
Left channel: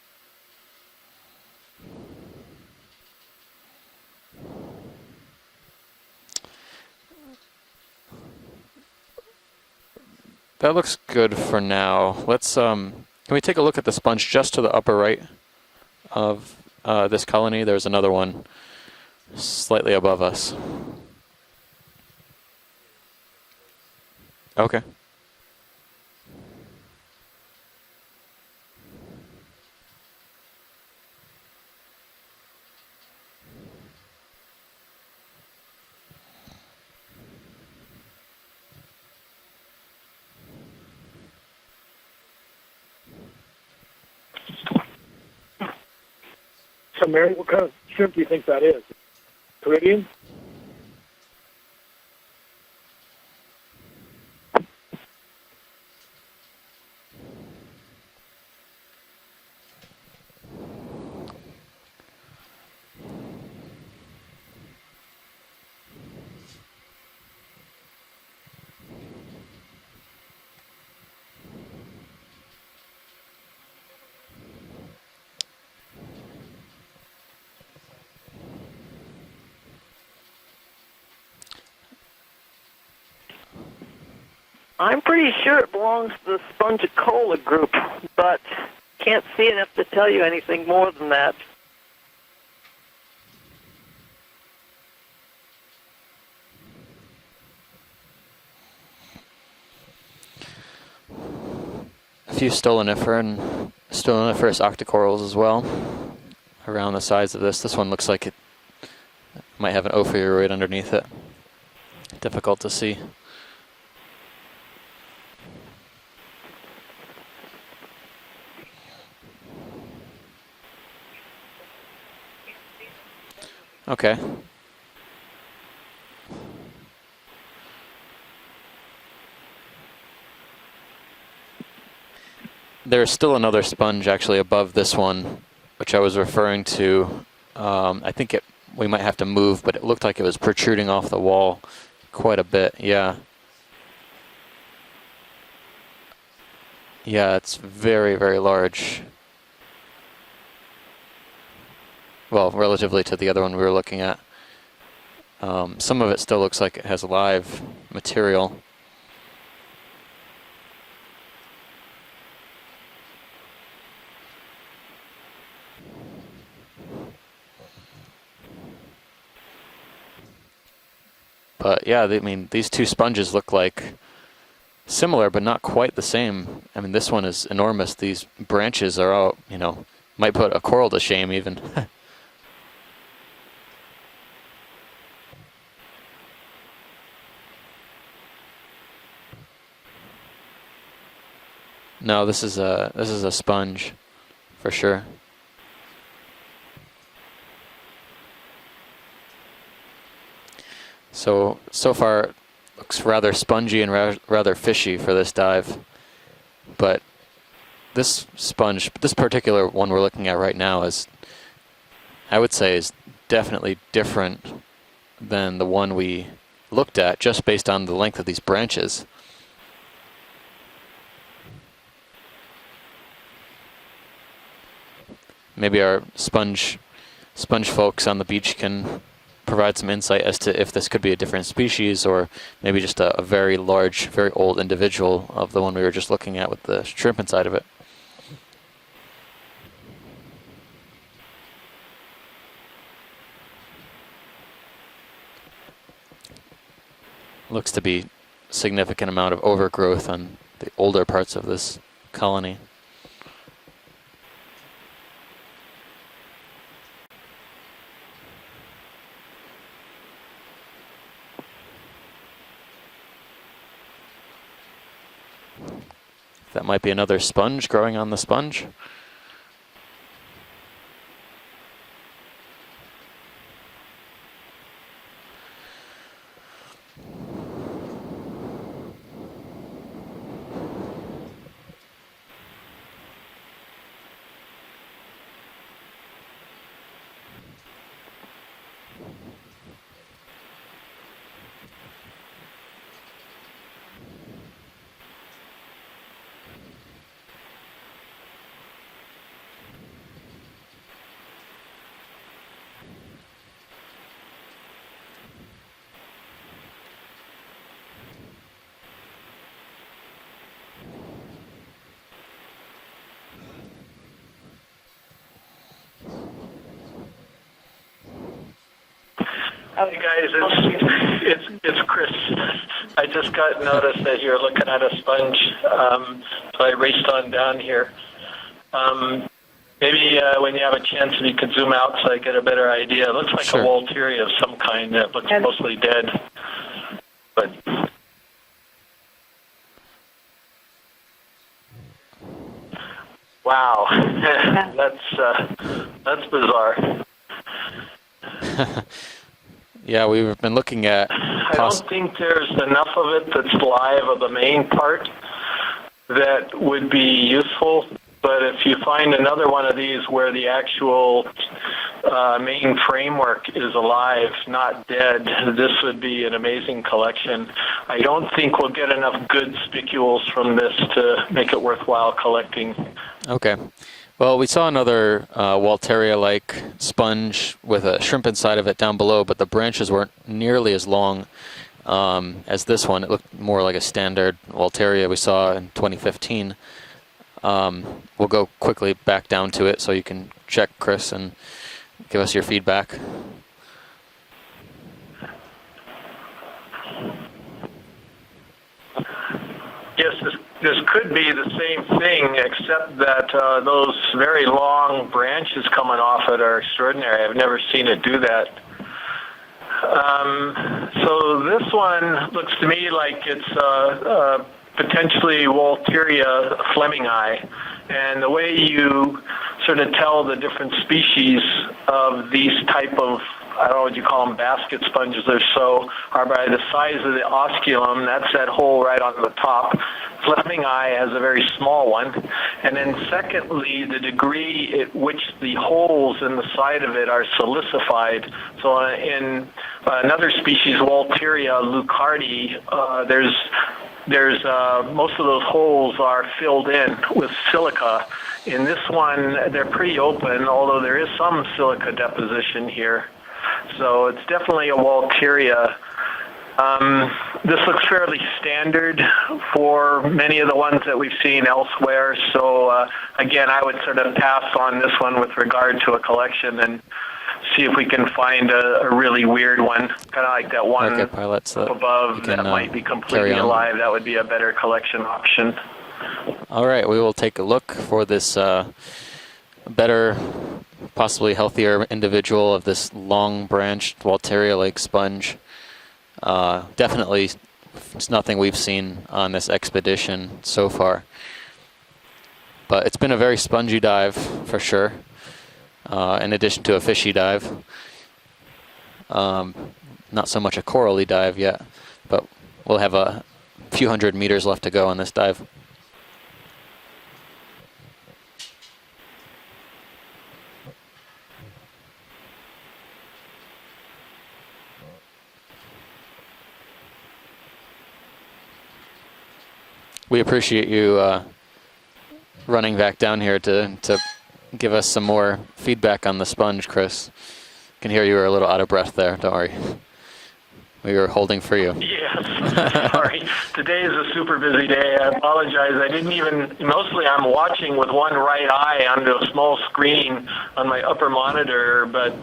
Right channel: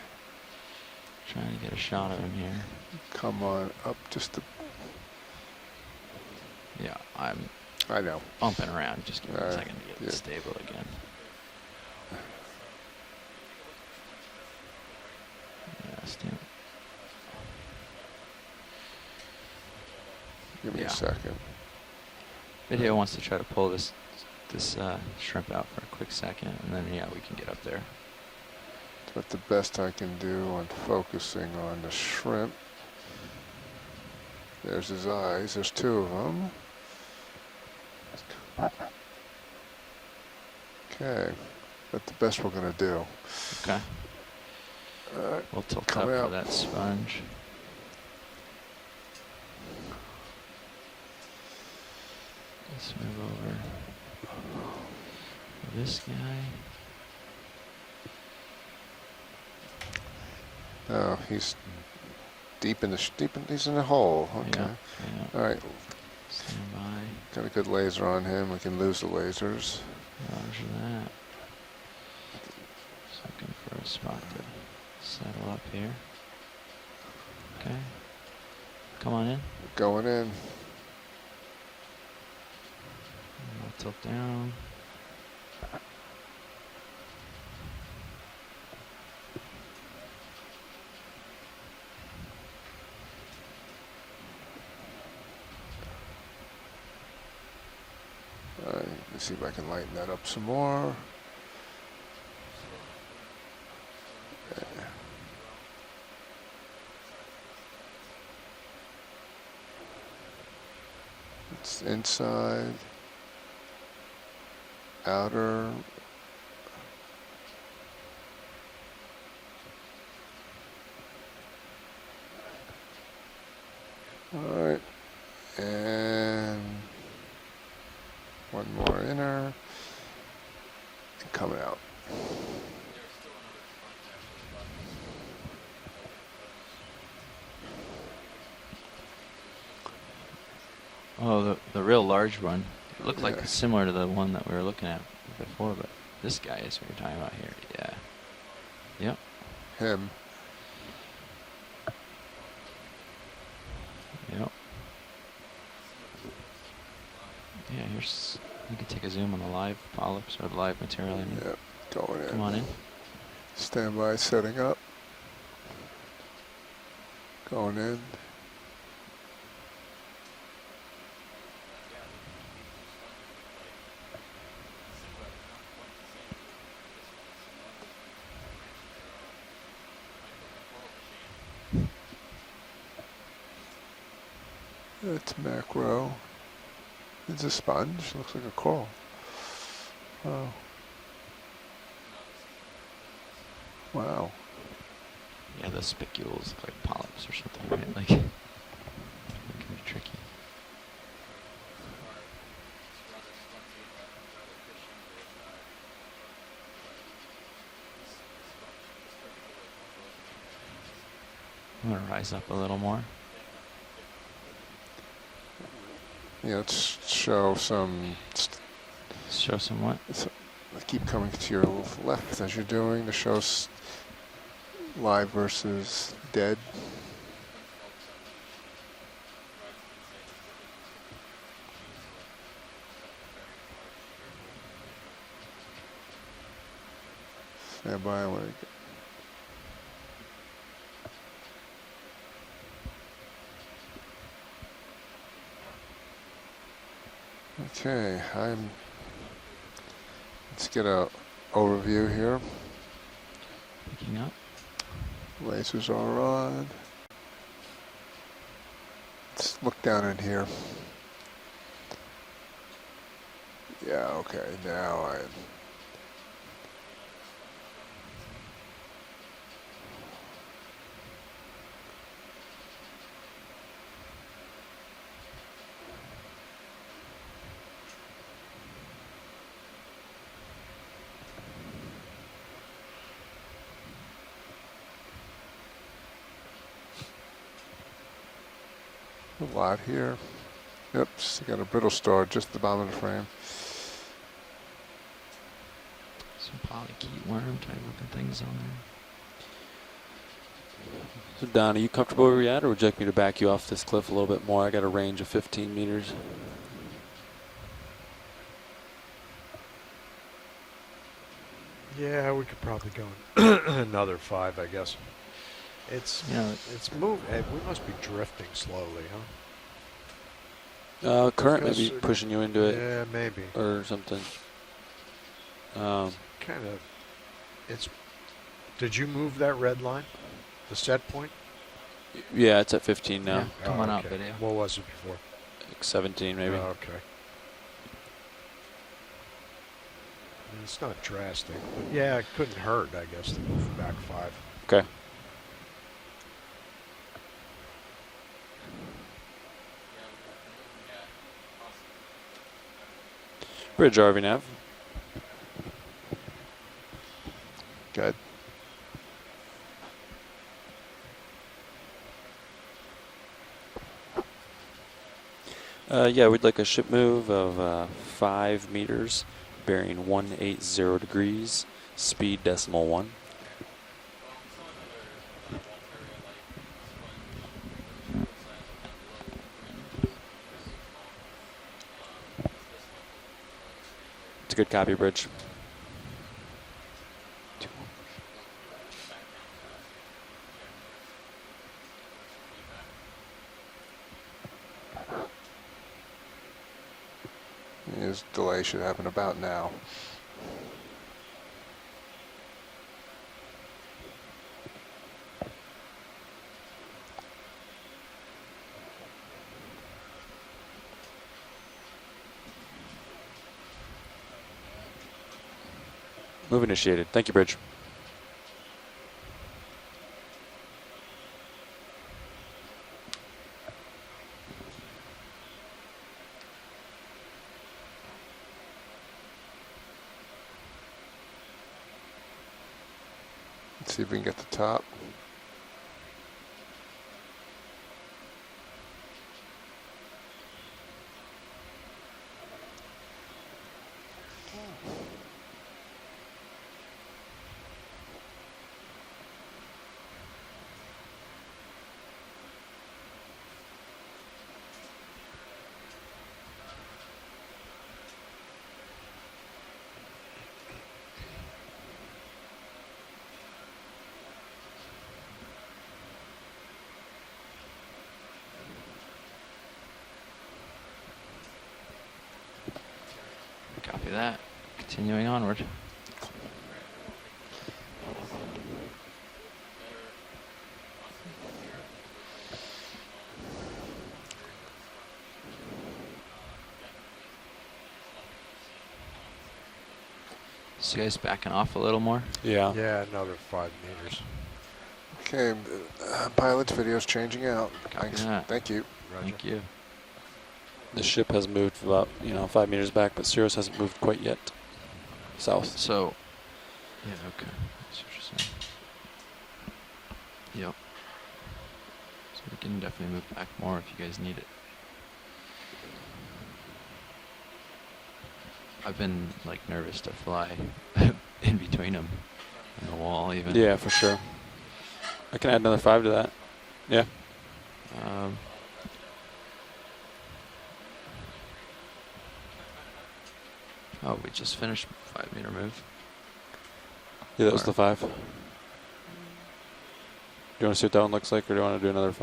Trying to get a shot of him here. Come on up just a... Yeah, I'm I know. bumping around. Just give me a Alright, second to get yeah. it stable. That looks good for now. Let's can we take a look at the sponge just to the upper right of this colony? There's another one slightly above us. Yeah. Second. Video wants to try to pull this Okay. shrimp out for a quick second, and then yeah, we can get up there. But the best I can do on focusing on the shrimp. There's his eyes. There's two of them. Okay. That's the best we're going to do. Okay. All right. We'll tilt up Coming for out. that sponge. So, Mary, what kind of shrimp do you think that is? Caribbean? Let's move over. This guy. Oh, he's deep in the he's in the hole. Okay. Yeah. Yeah. All right. Stand by. Got a good laser on him. We can lose the lasers. Roger that. Just looking for a spot to settle up here. Okay. Come on in. Going in. I'll tilt down. I'm pretty sure it belongs to the Spongicola group, but can't see enough to tell you anything more than that. Let's see if I can lighten that up some more. A few stoloniferous octocorals as well around the sides of this. This one looks like it might have an ophiuroid underneath it. It's inside. Difficult to see. Outer. Okay. All right. And one more inner. And coming out. There's still another sponge actually above this one, which I was referring to. I think we might have to move, but it looked like it was protruding off the wall The real large quite a one. bit. Yeah. Looks like similar to the one that we were looking at before, but this guy is what we're talking Yeah, about it's here. very, very large. Yep. Him. Well, relatively to the other one we were looking at. Yep. Some of it still looks like it has live Yeah, you material. You can take a zoom on the live polyps or the live material. And Yep. Going in. Come on in. Stand by, setting up. Going in. But yeah, I mean, these two sponges look like similar, but not quite the same. I mean, this one is enormous. These branches are all, you know, might put a coral to shame even. That's macro. It's a sponge. Looks like a coral. Oh, No, this is a sponge wow. for sure. Yeah, the spicules look like polyps or something, right? Like, it can be tricky. So far, looks rather spongy and rather fishy for this dive. But this sponge, this particular one we're looking at right now, is, I'm gonna rise I up would a say, little is more. definitely different than the one we Yeah, let's looked at, just show based on the some- length of these branches. Show some what? Let's keep coming to your left as you're doing to show live versus. Maybe our dead. sponge folks on the beach can provide some insight as to if this could be a different species or maybe just a very large, very old individual of the one we were just looking at with the shrimp inside of it. Stand by. I wanna Looks to be Okay, I'm- significant amount of overgrowth on let's the get older a parts of this overview here. colony. Picking up. Lasers are on. Let's look down in here. Yeah, okay, now That might be another sponge growing on the sponge. a lot here. Oops, got a brittle star just at the bottom of the frame. Some polychaete worm type looking things on So Don, are you comfortable where you're at, or would you like me to back you off this cliff a little bit more? I got a range of 15 meters. Yeah, we could probably go another 5, I guess. It's Yeah. it's moving. We must be drifting slowly, huh? Hey guys, Currently it's Chris. pushing into it. I just got notice that you're looking at a sponge, so I raced on down here. Did you move that red? Maybe when you have a chance, if you could zoom out so I get a Yeah, better it's at idea. It 15. looks like Sure. a Walteria of some kind that looks mostly dead, 17 right now. but It's not drastic. But yeah, it couldn't hurt, I guess. wow, Okay. that's bizarre. Yeah, we've been looking at. I don't think there's enough of it that's live Bridge of over the now. main part that would be useful. Good. But if you find another one of these where the actual main framework is alive, not dead, this would be Yeah, an with like a amazing ship collection. move of, I don't think 5 we'll get meters, enough good bearing spicules from this to 1803 make it worthwhile speed collecting. .1. Okay. Well, we saw another Walteria-like sponge with a shrimp inside of it down below, but the branches weren't nearly as long as this one. It looked more like a standard It's a good copy Walteria we bridge. saw in 2015. We'll go quickly back down to it so you can check, Chris, and give us your feedback. Here's this delay should happen about now. Yes, this could be the same thing, except that those very long branches coming off it are extraordinary. I've never seen it do that. So this one looks to me like it's potentially Walteria Flemingii. And the way you sort of tell the different species of these type of, I don't know what you call them, basket sponges or so, are by the size of the osculum. That's that hole right on the top. Flemingii has a very small one. And then secondly, the degree at which the holes in the side of it are silicified. So in another species, Walteria leucardi, there's most of those holes are filled in with silica. In this one, they're pretty open, although there is some silica deposition here. So it's definitely a Walteria. This looks fairly standard for many of the ones that we've seen elsewhere. So again, I would sort of pass on this one with regard to a collection and see if we can find a really weird one, kind of like that one up above that might be completely alive. That would be a better collection option. All right, we will take a look for this better, possibly healthier individual of this long-branched Walteria lake sponge. Definitely, it's nothing we've seen on this expedition so far. This guy's backing off a little more. Yeah. But it's been a very spongy dive for sure. Okay. In addition to a fishy dive. Thanks. Yeah. Thank you. Not so much a corally dive yet, but we'll have a few hundred meters left to go on this dive. South. So, yeah, okay. That's what you're saying. Yep. So we can definitely move back more if you guys need it. I've been like nervous. We appreciate you in between them. running back down here to give us some more feedback on the sponge, Chris. Yeah. Can hear you were a little out of breath there. Don't worry. We were holding for you. Yes, sorry. Today is a super busy day. I apologize. I didn't even, mostly I'm watching with one right eye onto a small screen on my upper monitor, but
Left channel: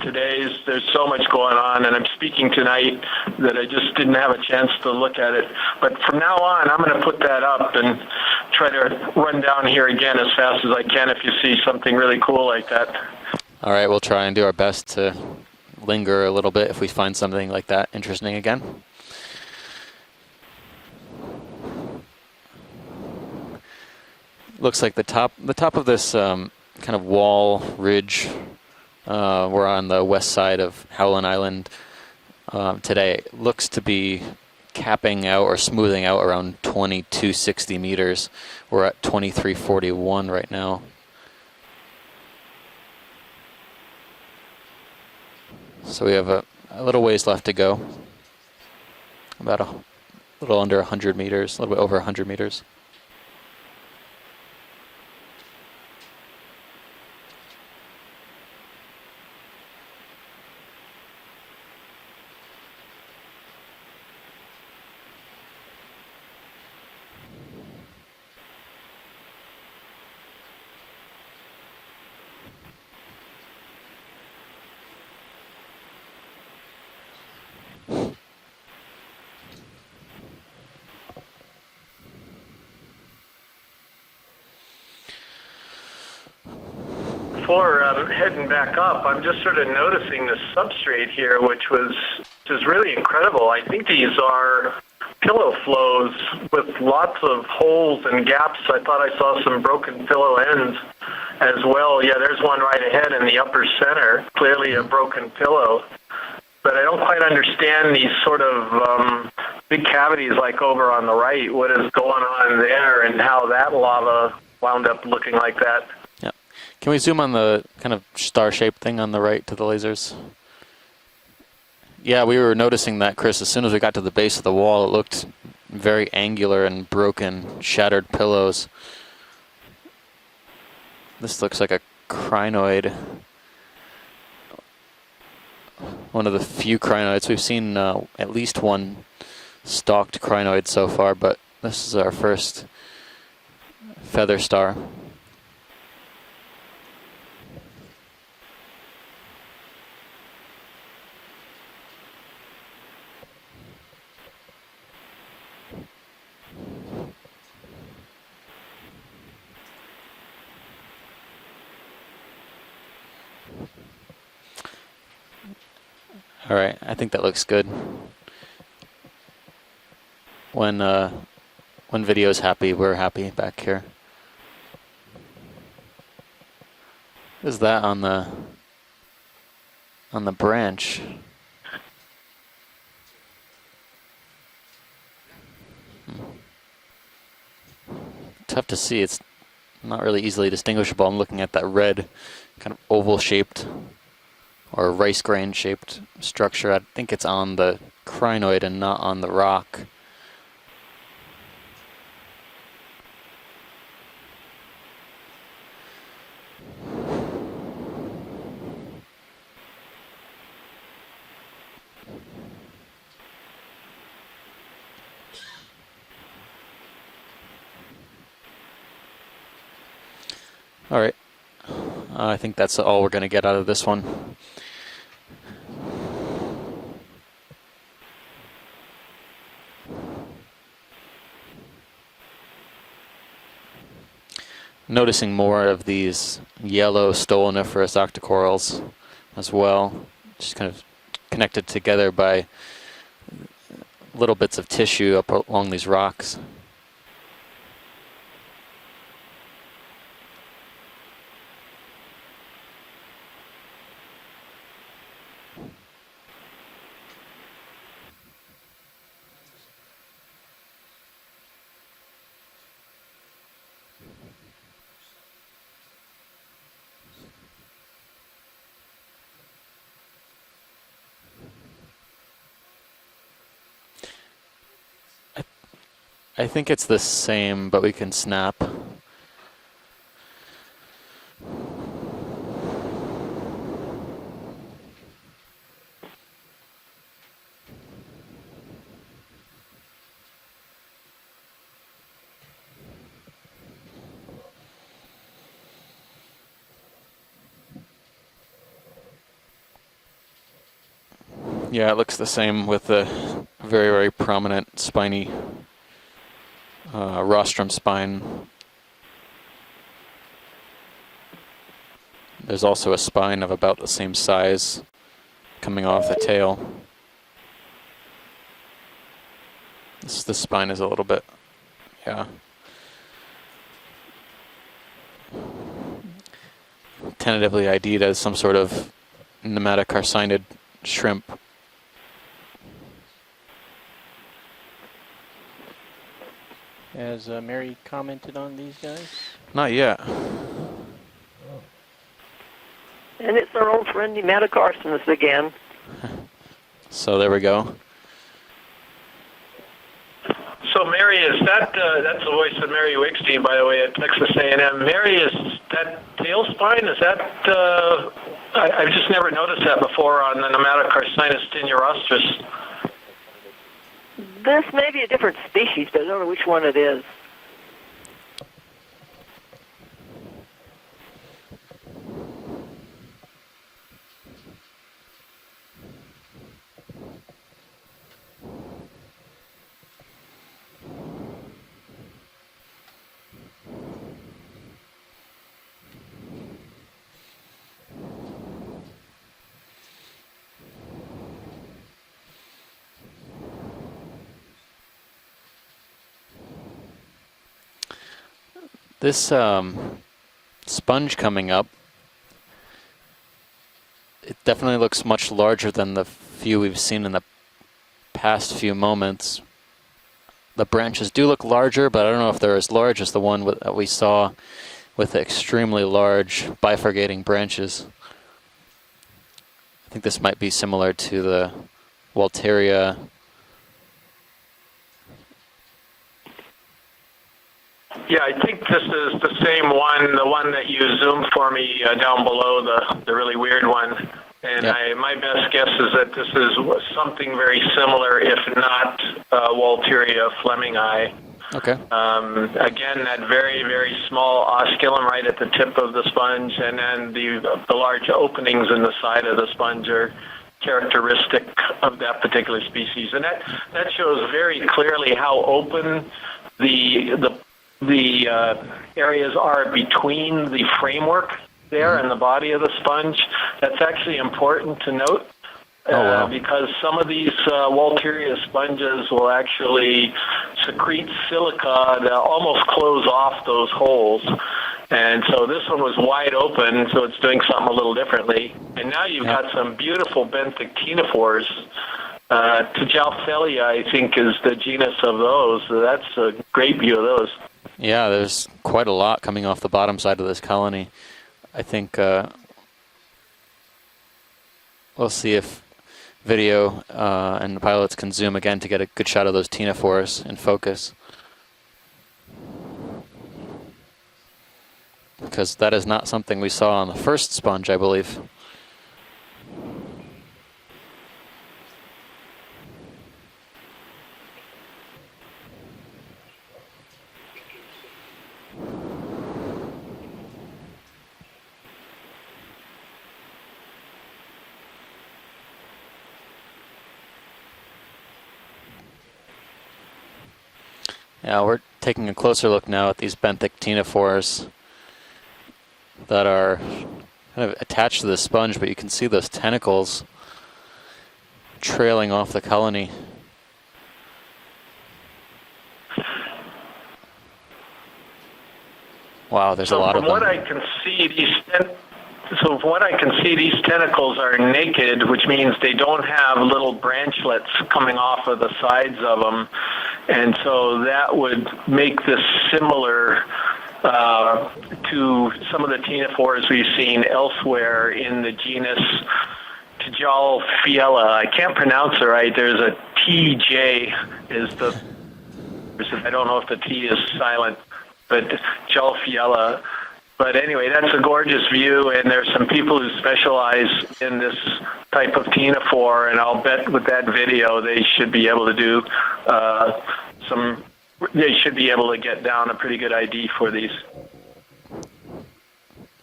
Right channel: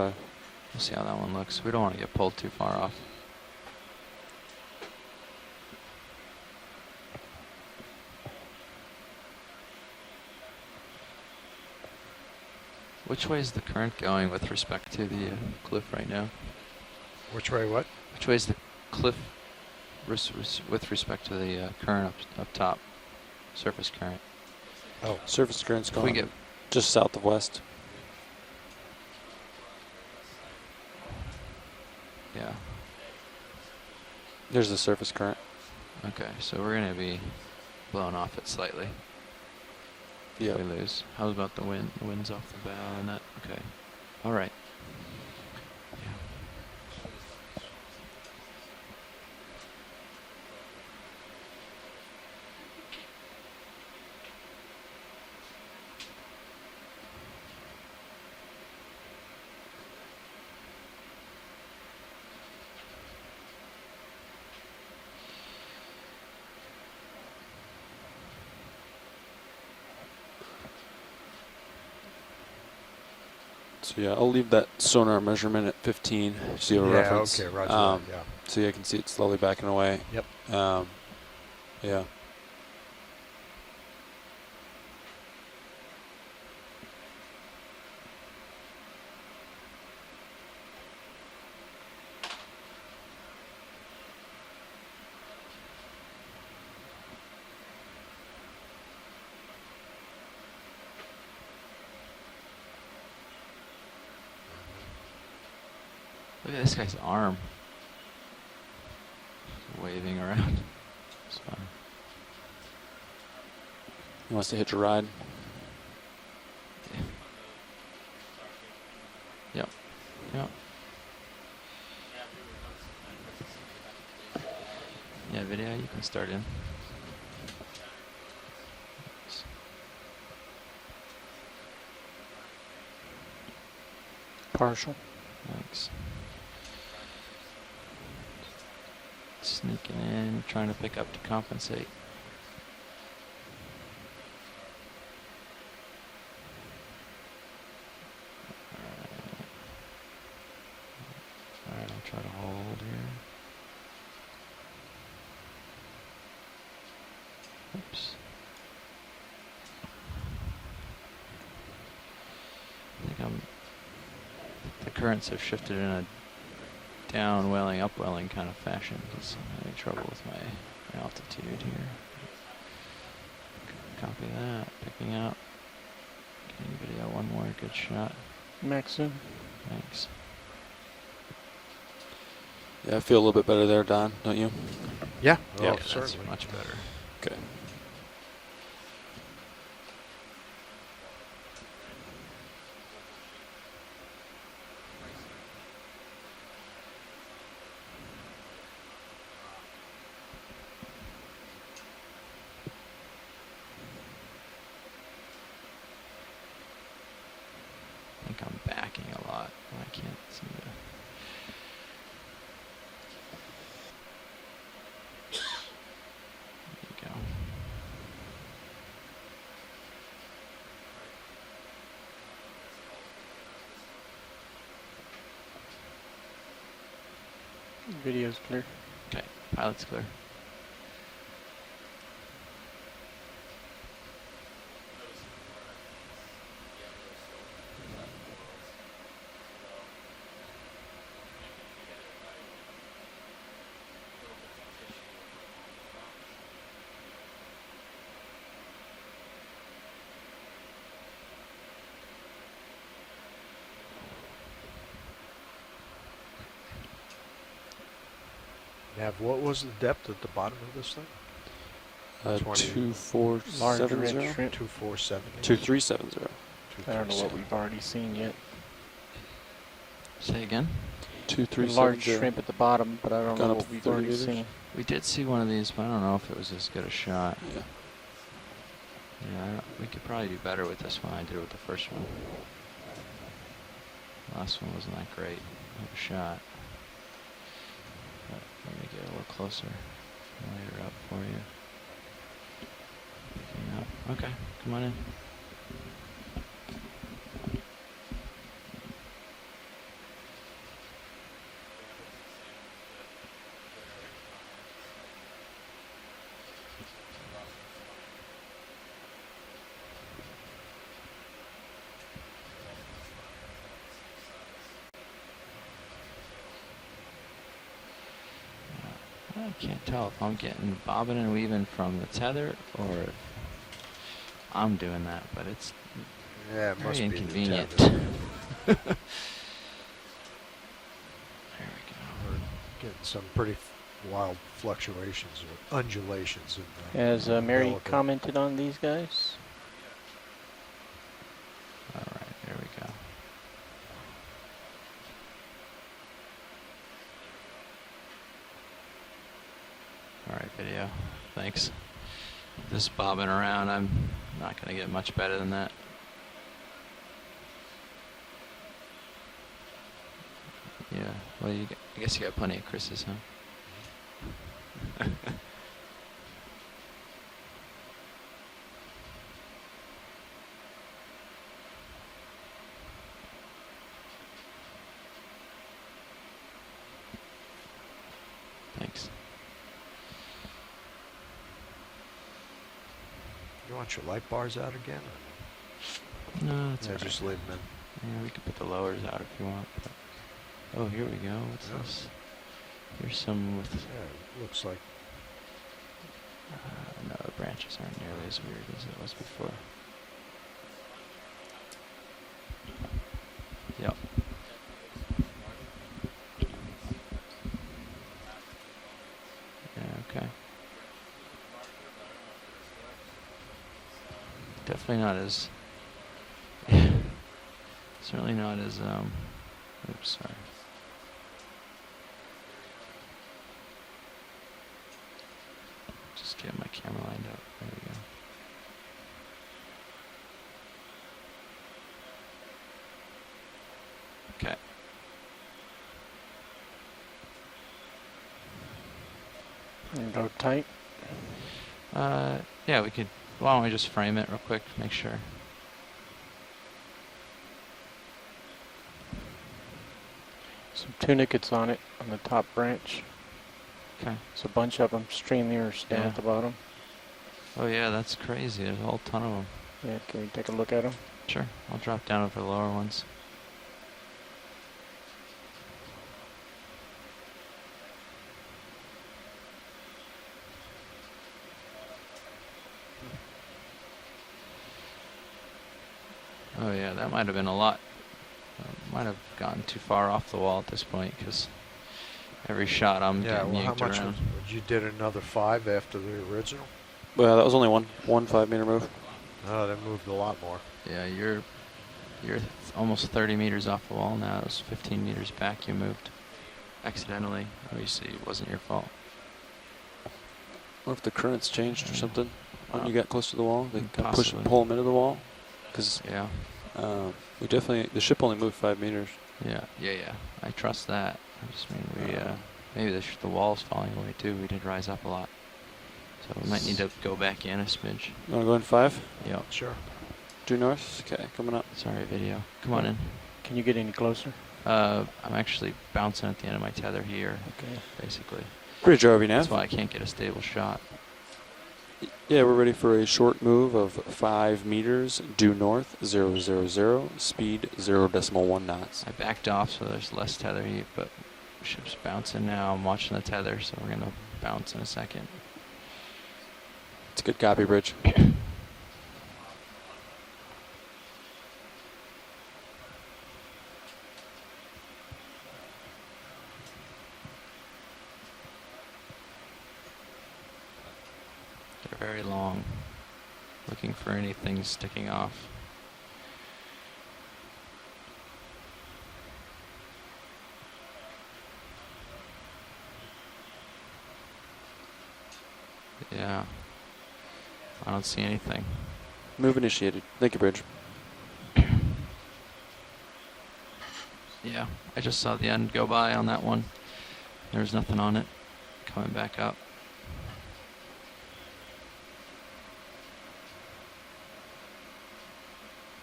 there's so much going on, and I'm speaking tonight that I just didn't have a chance to look at it. But from now on, I'm going to put that up and try to run down here again as fast as I can if you see something really cool like that. All right, we'll try and do our best to linger a little bit if we find something like that interesting again. Cliff, with respect to the current up top, surface current. Looks like the top of this kind of wall ridge. We're on the west side of Howland Island today. It looks to be capping out or smoothing out around 2260 meters. We're at 2341 right now. How about the wind? The wind's off the bow and that. Okay. All right. So we have a little ways left to go. About a little under 100 meters, a little bit over 100 meters. So yeah, I'll leave that sonar measurement at 15. So you have a reference. Okay, roger. So you can see it slowly backing away. Yep. Yeah. Before heading back up, I'm just sort of noticing the substrate here, which is really incredible. I think these are pillow flows with lots of holes and gaps. I thought I saw some broken pillow ends as well. Yeah, there's one right ahead in the upper center, clearly a broken pillow. But I don't quite understand these sort of big cavities like over on the right, what is going on there and how that lava wound up looking like that. Yeah. Can we zoom on the kind of star-shaped thing on the right to the lasers? Yeah. Yeah, we were noticing that, Chris. As soon as we got to the base of the wall, it looked very angular and broken, shattered pillows. This looks like a crinoid. Partial. One of the few crinoids. We've seen at least one stalked crinoid so far, but this is our first feather star. currents have shifted in a All right, I think that looks good. downwelling, upwelling kind of fashion. 'Cause I'm having trouble with my When altitude here. when video's happy, we're happy back here. Copy that. Picking up. Giving video one more. Is that on shot. the Maxim. Thanks. on the branch? Yeah, I feel a little bit better there, Don, don't you? Yeah. Yeah, Oh, That's certainly. much better. Okay. Tough to see. It's not really easily distinguishable. I'm looking at that red, kind of oval-shaped or rice grain-shaped structure. I think it's on the crinoid and not on the rock. I think I'm backing a lot. I can't seem to. There we go. All right. I think that's all we're going to get out of this one. Video's clear. Okay, pilot's clear. Noticing more of these yellow stoloniferous octocorals as well, just kind of connected together by little bits of tissue up along these rocks. Nav, what was the depth at the bottom of this thing? 2470. Large red shrimp. 2470. 2370. I don't know what we've already seen yet. Say again? 2370. Large shrimp at the bottom, but I don't Gone know up what we've 30 already meters. seen. We did see one of these, but I don't know if it was I think as it's good a the shot. same, but we can snap. Yeah, we could probably do better with this one. I did with the first one. Last one wasn't that great of a shot. Let me get a little closer. Light her up for you. Yeah. Okay, come on in. Yeah, it looks the same with the very, very prominent spiny rostrum spine. There's also a spine of about the same size coming off the tail. I can't tell if The I'm spine getting is a little bobbing bit- and weaving from the yeah. tether, or I'm doing that, but it's Yeah, it must Very be. Tentatively ID'd as some sort of nematocarcinid shrimp. there Getting some pretty wild fluctuations, or undulations. In Has Mary developing. commented on these guys? Not yet. we go. All right, there we go. And it's our old friend Nematocarcinus again. So there we go. So Mary, is that that's the voice of Mary Wickstein, by the way, at Texas A&M. Mary, is that tail spine? Is that I've just never noticed that before on the Nematocarcinus This is tenurostrus. funny. This is him. This may be a different species, but I don't know which one it is. Thanks. You want your light bars out again? No, that's Yeah, all right. just leave them Yeah, we can put the lowers out if you want. But oh, here we go. What's this? Here's someone with in. Yeah, looks like. no, the branches aren't nearly as weird as it This sponge coming up, Yep. it definitely looks much larger than the few we've seen in the past few moments. Yeah, okay. The branches do look larger, but I don't know if they're as large as the one that we saw Definitely with not the extremely large bifurcating branches. certainly not as I think this might be similar to the Walteria. just get my camera lined up. There we go. Yeah, I think this is the same one, the one that you zoomed for me down below, the really weird one. And Yep. my best guess is that this is something very similar, if not Walteria flemingi. Okay. Again, that very, very small osculum right at the tip of the sponge, and then the large openings in the side of the sponge are characteristic of that particular species, and that shows very clearly how open the areas are between the framework there and the body of the sponge. That's actually important to note. Because some of these Walteria sponges will actually secrete silica that almost close off those holes. And so this one was wide open, so it's doing something a little differently. And now you've got some beautiful benthic ctenophores. Tjalfelia, I think, is the genus of those. So that's a great view of those. Yeah, that was only one. Yeah, there's quite a lot coming off the bottom side of this colony. Yeah, I think you're almost 30 meters off the wall now. It was 15 we'll meters see back if you moved. video and the pilots can zoom again to get a good shot of those ctenophores in focus. Or if the current's changed or something. When you got close to the wall, they can push and pull them into the wall. Because that is not something we saw on the first sponge, I believe. The ship only moved 5 meters. Yeah. I trust that. Just maybe the wall's falling away too. We did rise up a lot. So we might need to go back in a smidge. You want to go in 5? Yeah, sure. Due north? Okay, coming up. Sorry, video. Come on in. Can you get any closer? I'm actually bouncing at the end of my tether here, basically. Bridge ROV nav. That's why I can't get a stable shot. Yeah, we're taking a closer look now at these benthic ctenophores 5 meters due north that are 0, attached to the sponge, but you can see those tentacles Off, so less tether heat, but trailing off the colony. I'm watching the tether, so we're gonna bounce in a second. It's a good copy, Bridge. Wow, there's a lot of them. From what I can see, these tentacles are naked, which means they don't have little branchlets coming off of the sides of them. And so that would make this similar to some of the ctenophores we've seen elsewhere in the genus Tjalfelia. I can't pronounce it right. There's a TJ I don't know if the T is silent, but Tjalfelia. But anyway, that's a gorgeous view, and there's some people who specialize in this type of ctenophore, and I'll bet with that video they should be able to do they should be able to get down a pretty good ID for these.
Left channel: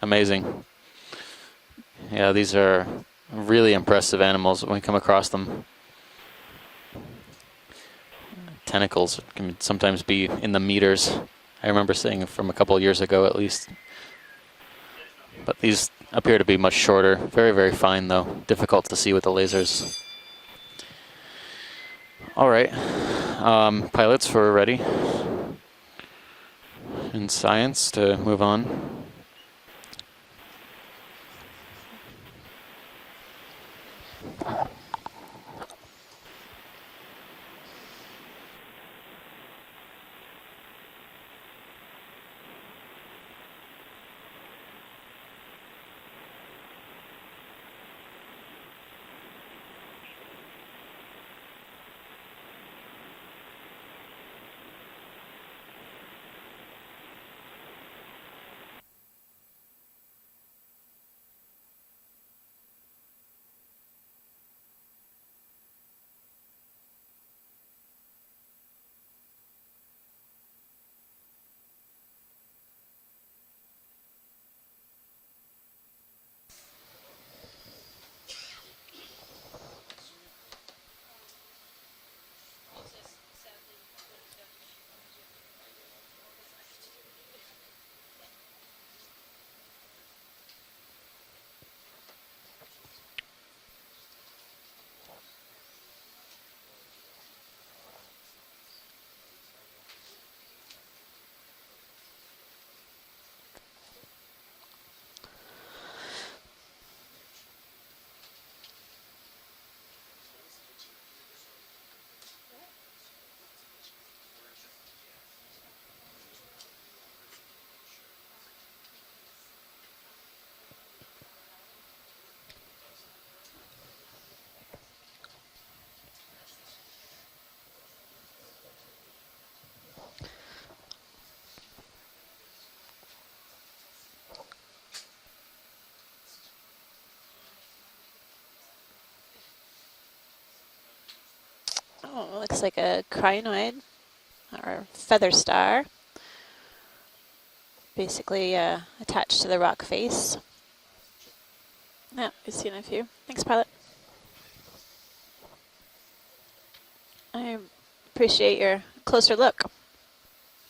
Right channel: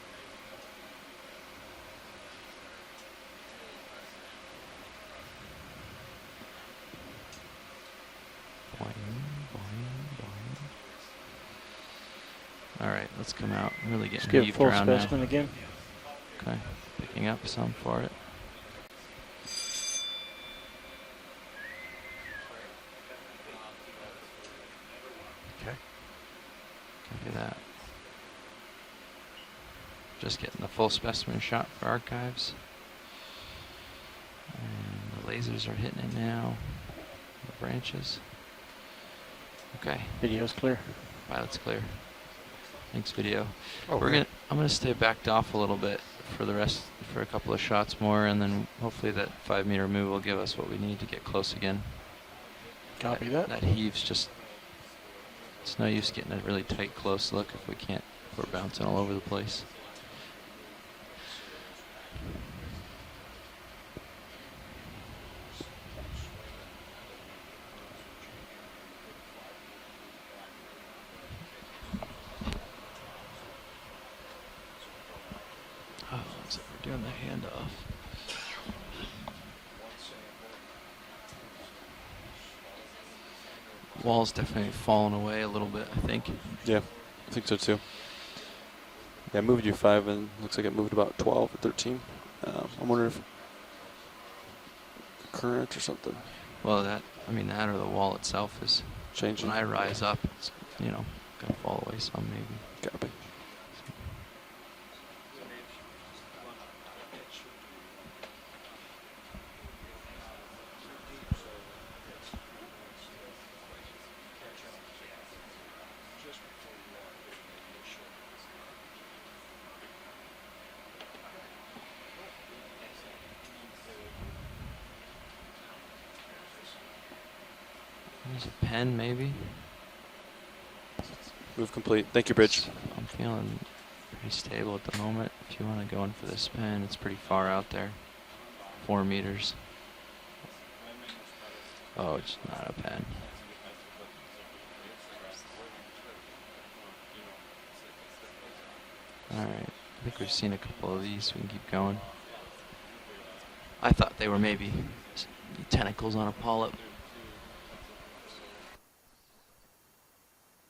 Amazing. Yeah, these are really impressive animals when we come across them. Tentacles can sometimes be in the meters. I remember seeing it from a couple of years ago at least. Really Let's get a full specimen again. But these appear to be much shorter. Very, very fine though. Difficult to see with the lasers. All right. Pilots, we're ready. In science to move on. Just getting the full specimen shot for archives. And the lasers are hitting it now. The branches. Okay. Video's clear. Pilot's clear. Thanks, video. Okay. I'm gonna stay backed off a little bit for a couple of shots more, and then hopefully that 5 meter move will give us what we need to get close again. Copy that. That heaves just. It's no use getting a really tight close look if we're bouncing all over the place. Oh, looks like we're doing the handoff. Wall's definitely fallen away a little bit, I think. Yeah, I think so too. Yeah, moved you 5 and looks like it moved about 12 or 13. I'm wondering if current or something. Well, that or the wall itself is changing. When I rise up, it's gonna fall away some maybe. Copy. There's a pen, maybe. Move complete. Thank you, Bridge. I'm feeling pretty stable at the moment. If you want to go in for this pen, it's pretty far out there. 4 meters. Oh, it looks like a crinoid or feather star. Basically attached to the rock face. We've seen a couple of these. We can keep going. Yeah, we've seen a few. Thanks, pilot. I thought they were maybe tentacles on a polyp. I appreciate your closer look.